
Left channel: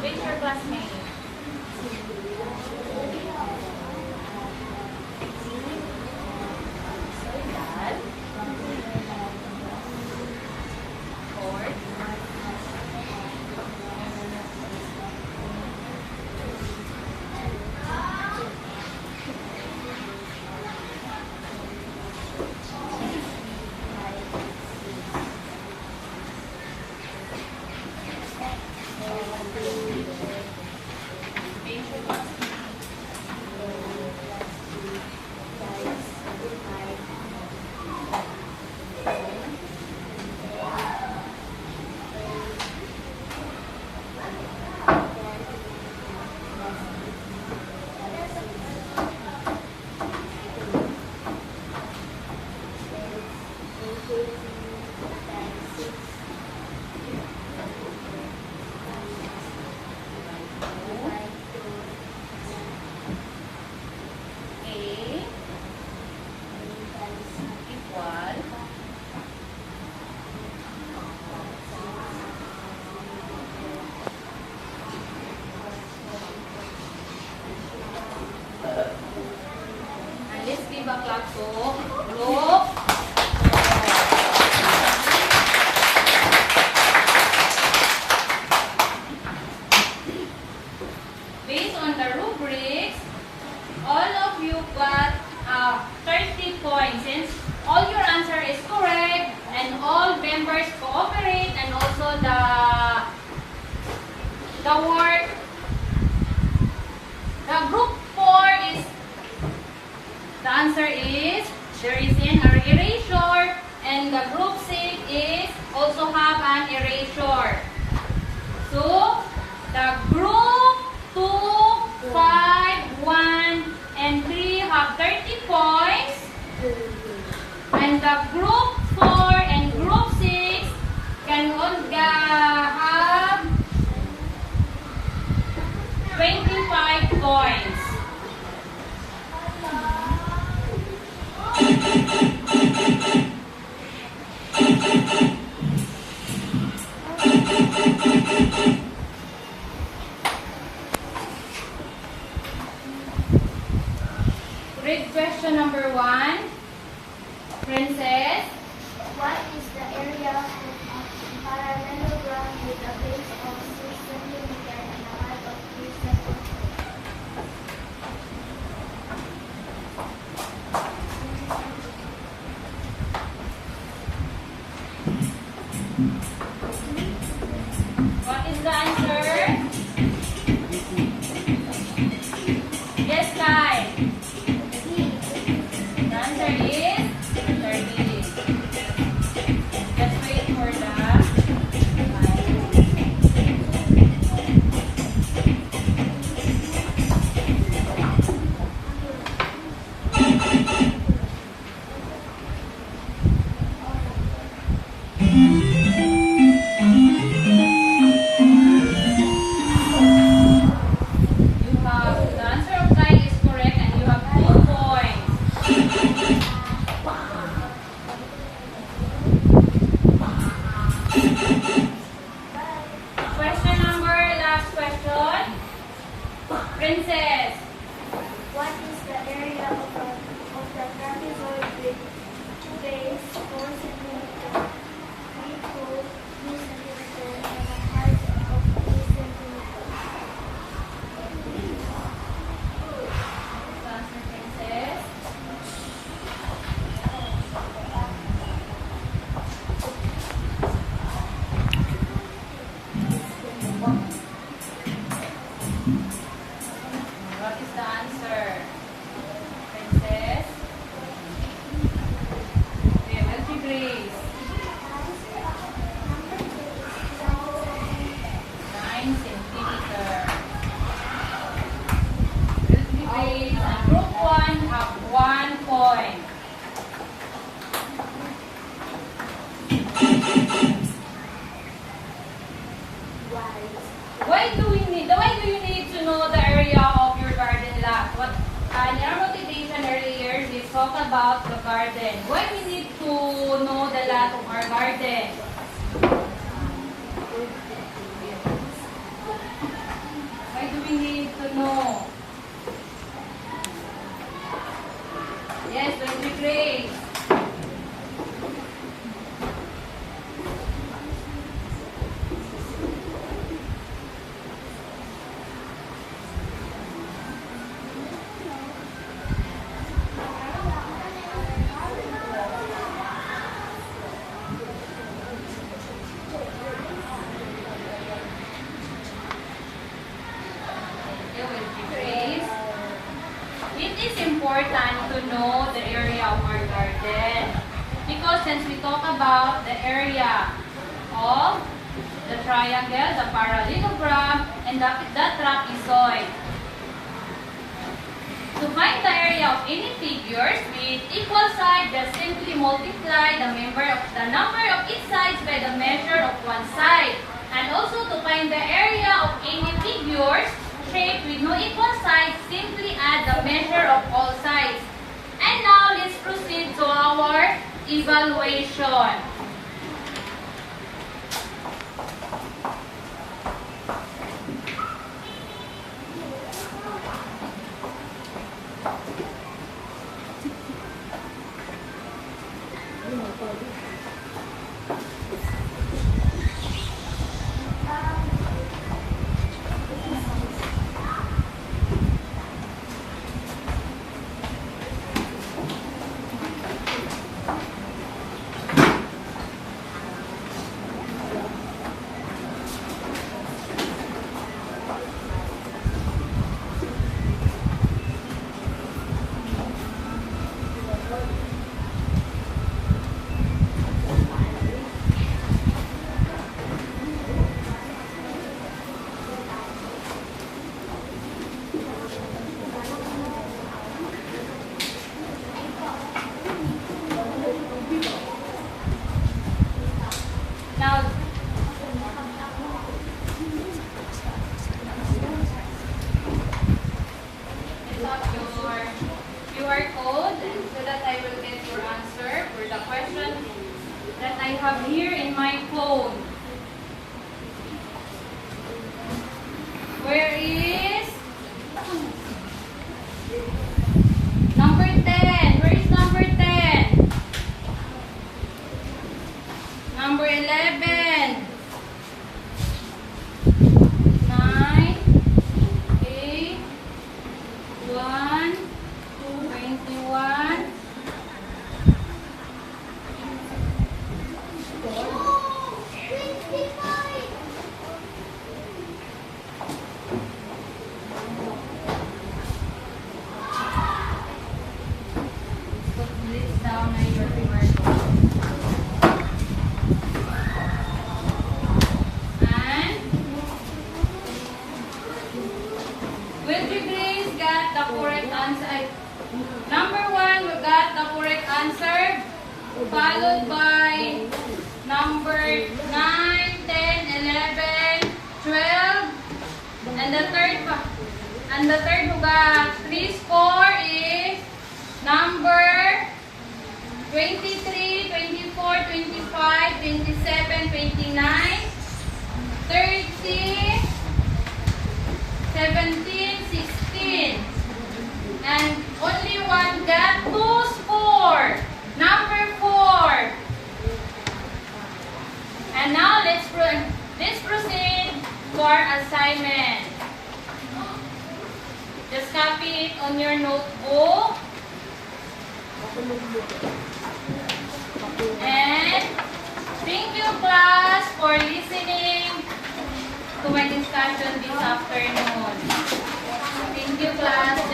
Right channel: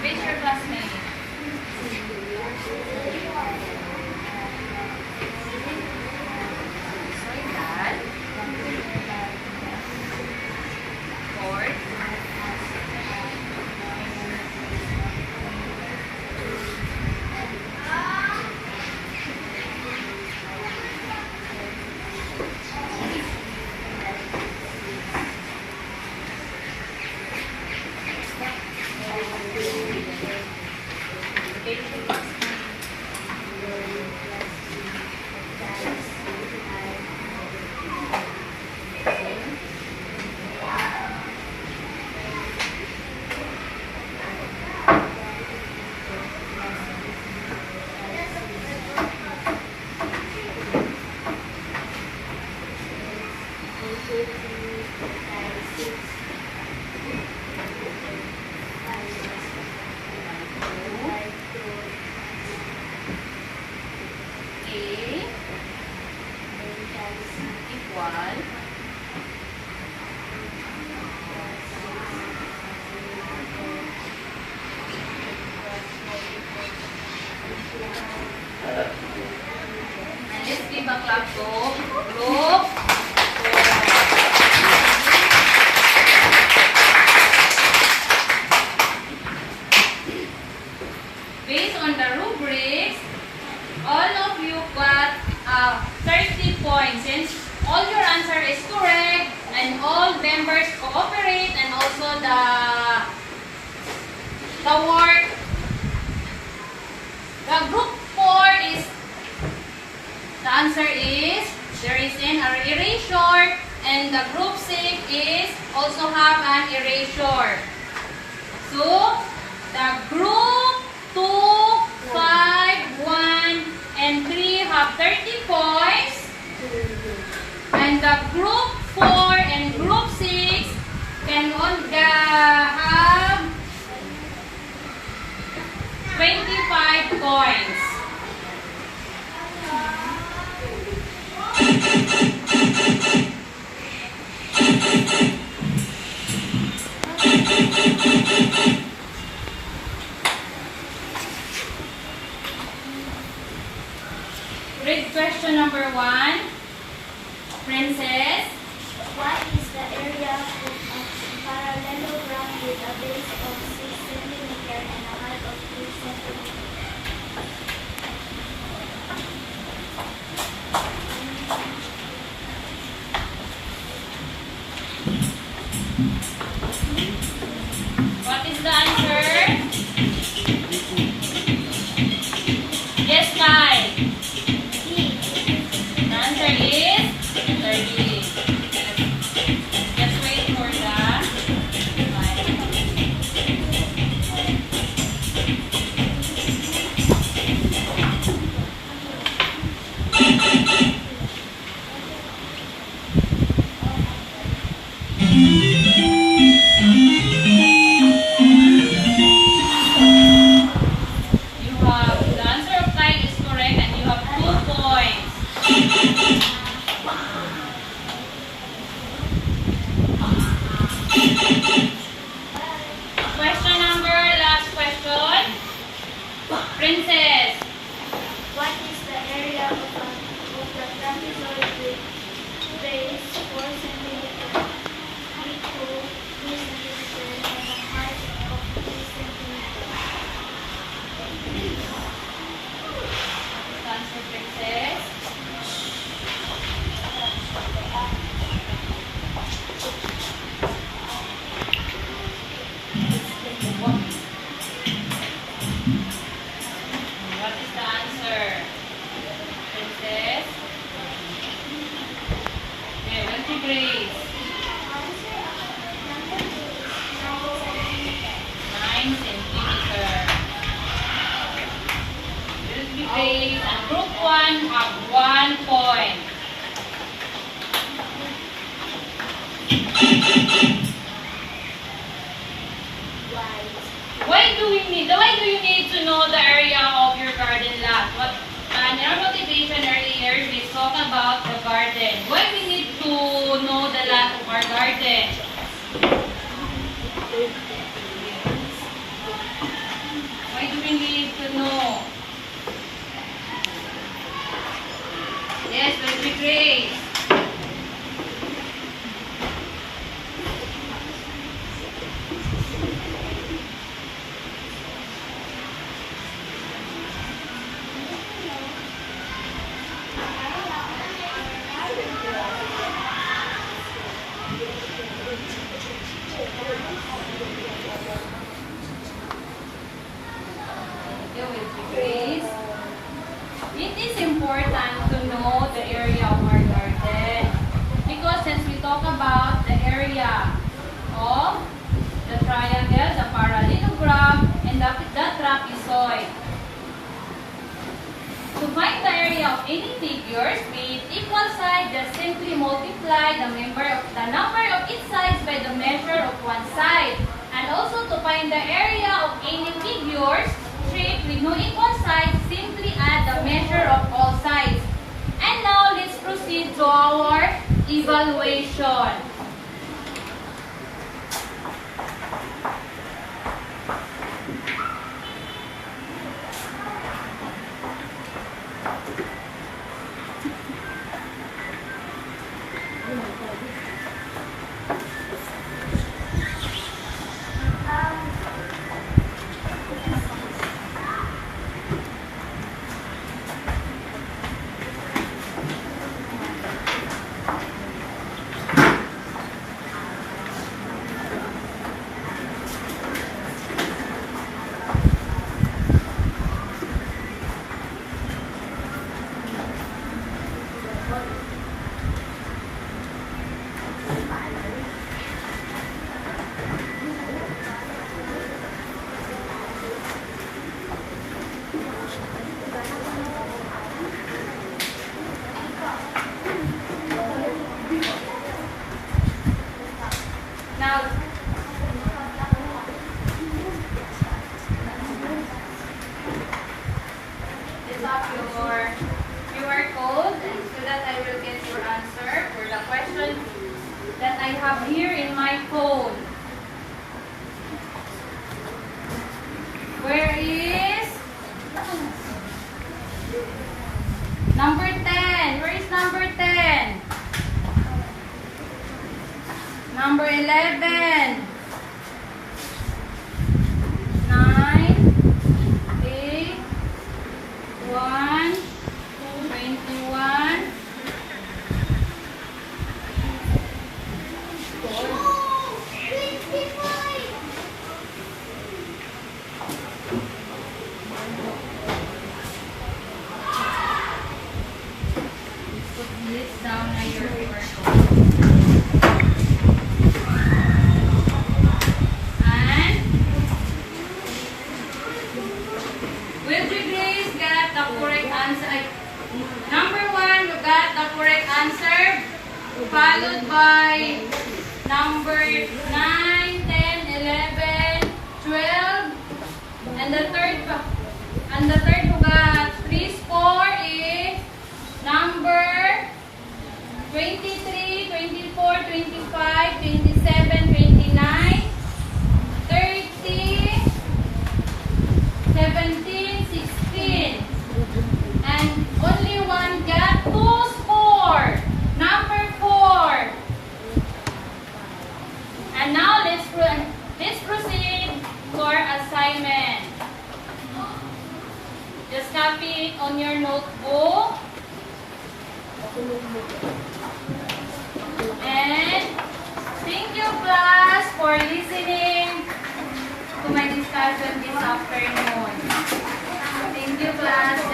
Face your classmate. Sorry, Dad. 4. clap to group 4. Based on the rubrics, all of you got 30 points. points. Since all your answer is correct and all members cooperate and also the work, the group 4 is, the answer is there is an erasure, and the group 6 is also have an erasure. So the group 2, 5, 1, and 3 have 30 points. And the group 4 and group 6 can have 25 points. Read question number 1. Princess. What is the area of a parallelogram with a base of 6 cm and a height of 3 cm? What is the answer? Yes, Kai. The answer is 30. Just wait for the line. You have the answer of Kai is correct and you have 2 points. Question number, last question. Princess. What is the area of the trapezoid with base 4 cm, width 3 cm, and a height of 3 cm? Answer, Princess. What is the answer? Princess? Okay, what's your grade? 9 centimeter. Will be grade and group 1 have 1 point. Why do you need to know the area of your garden lot? What in our motivation earlier, we talked about the garden. Why we need to know the lot of our garden? Why do we need to know? Yes, will be great. It is important to know the area of our garden because since we talk about the area of the triangle, the parallelogram, and the trapezoid. To find the area of any figures with equal sides, just simply multiply the number of each side by the measure of one side. And also to find the area of any figures shape with no equal sides, simply add the measure of all sides. And now let's proceed to our evaluation. I have here in my phone. Where is number 10? Where is number 10? Number 11. 9, 8, 1, 21. Put this down na your paper. And will you Grace got the correct answer? Number 1, you got the correct answer. Followed by number 9, 10, 11, 12. And the third who got 3 score is number 23, 24, 25, 27, 29, 30, 17, 16. And only one got 2 score. Number 4. And now let's proceed to our assignment. Just copy it on your notebook. And thank you class for listening to my discussion this afternoon. Thank you class.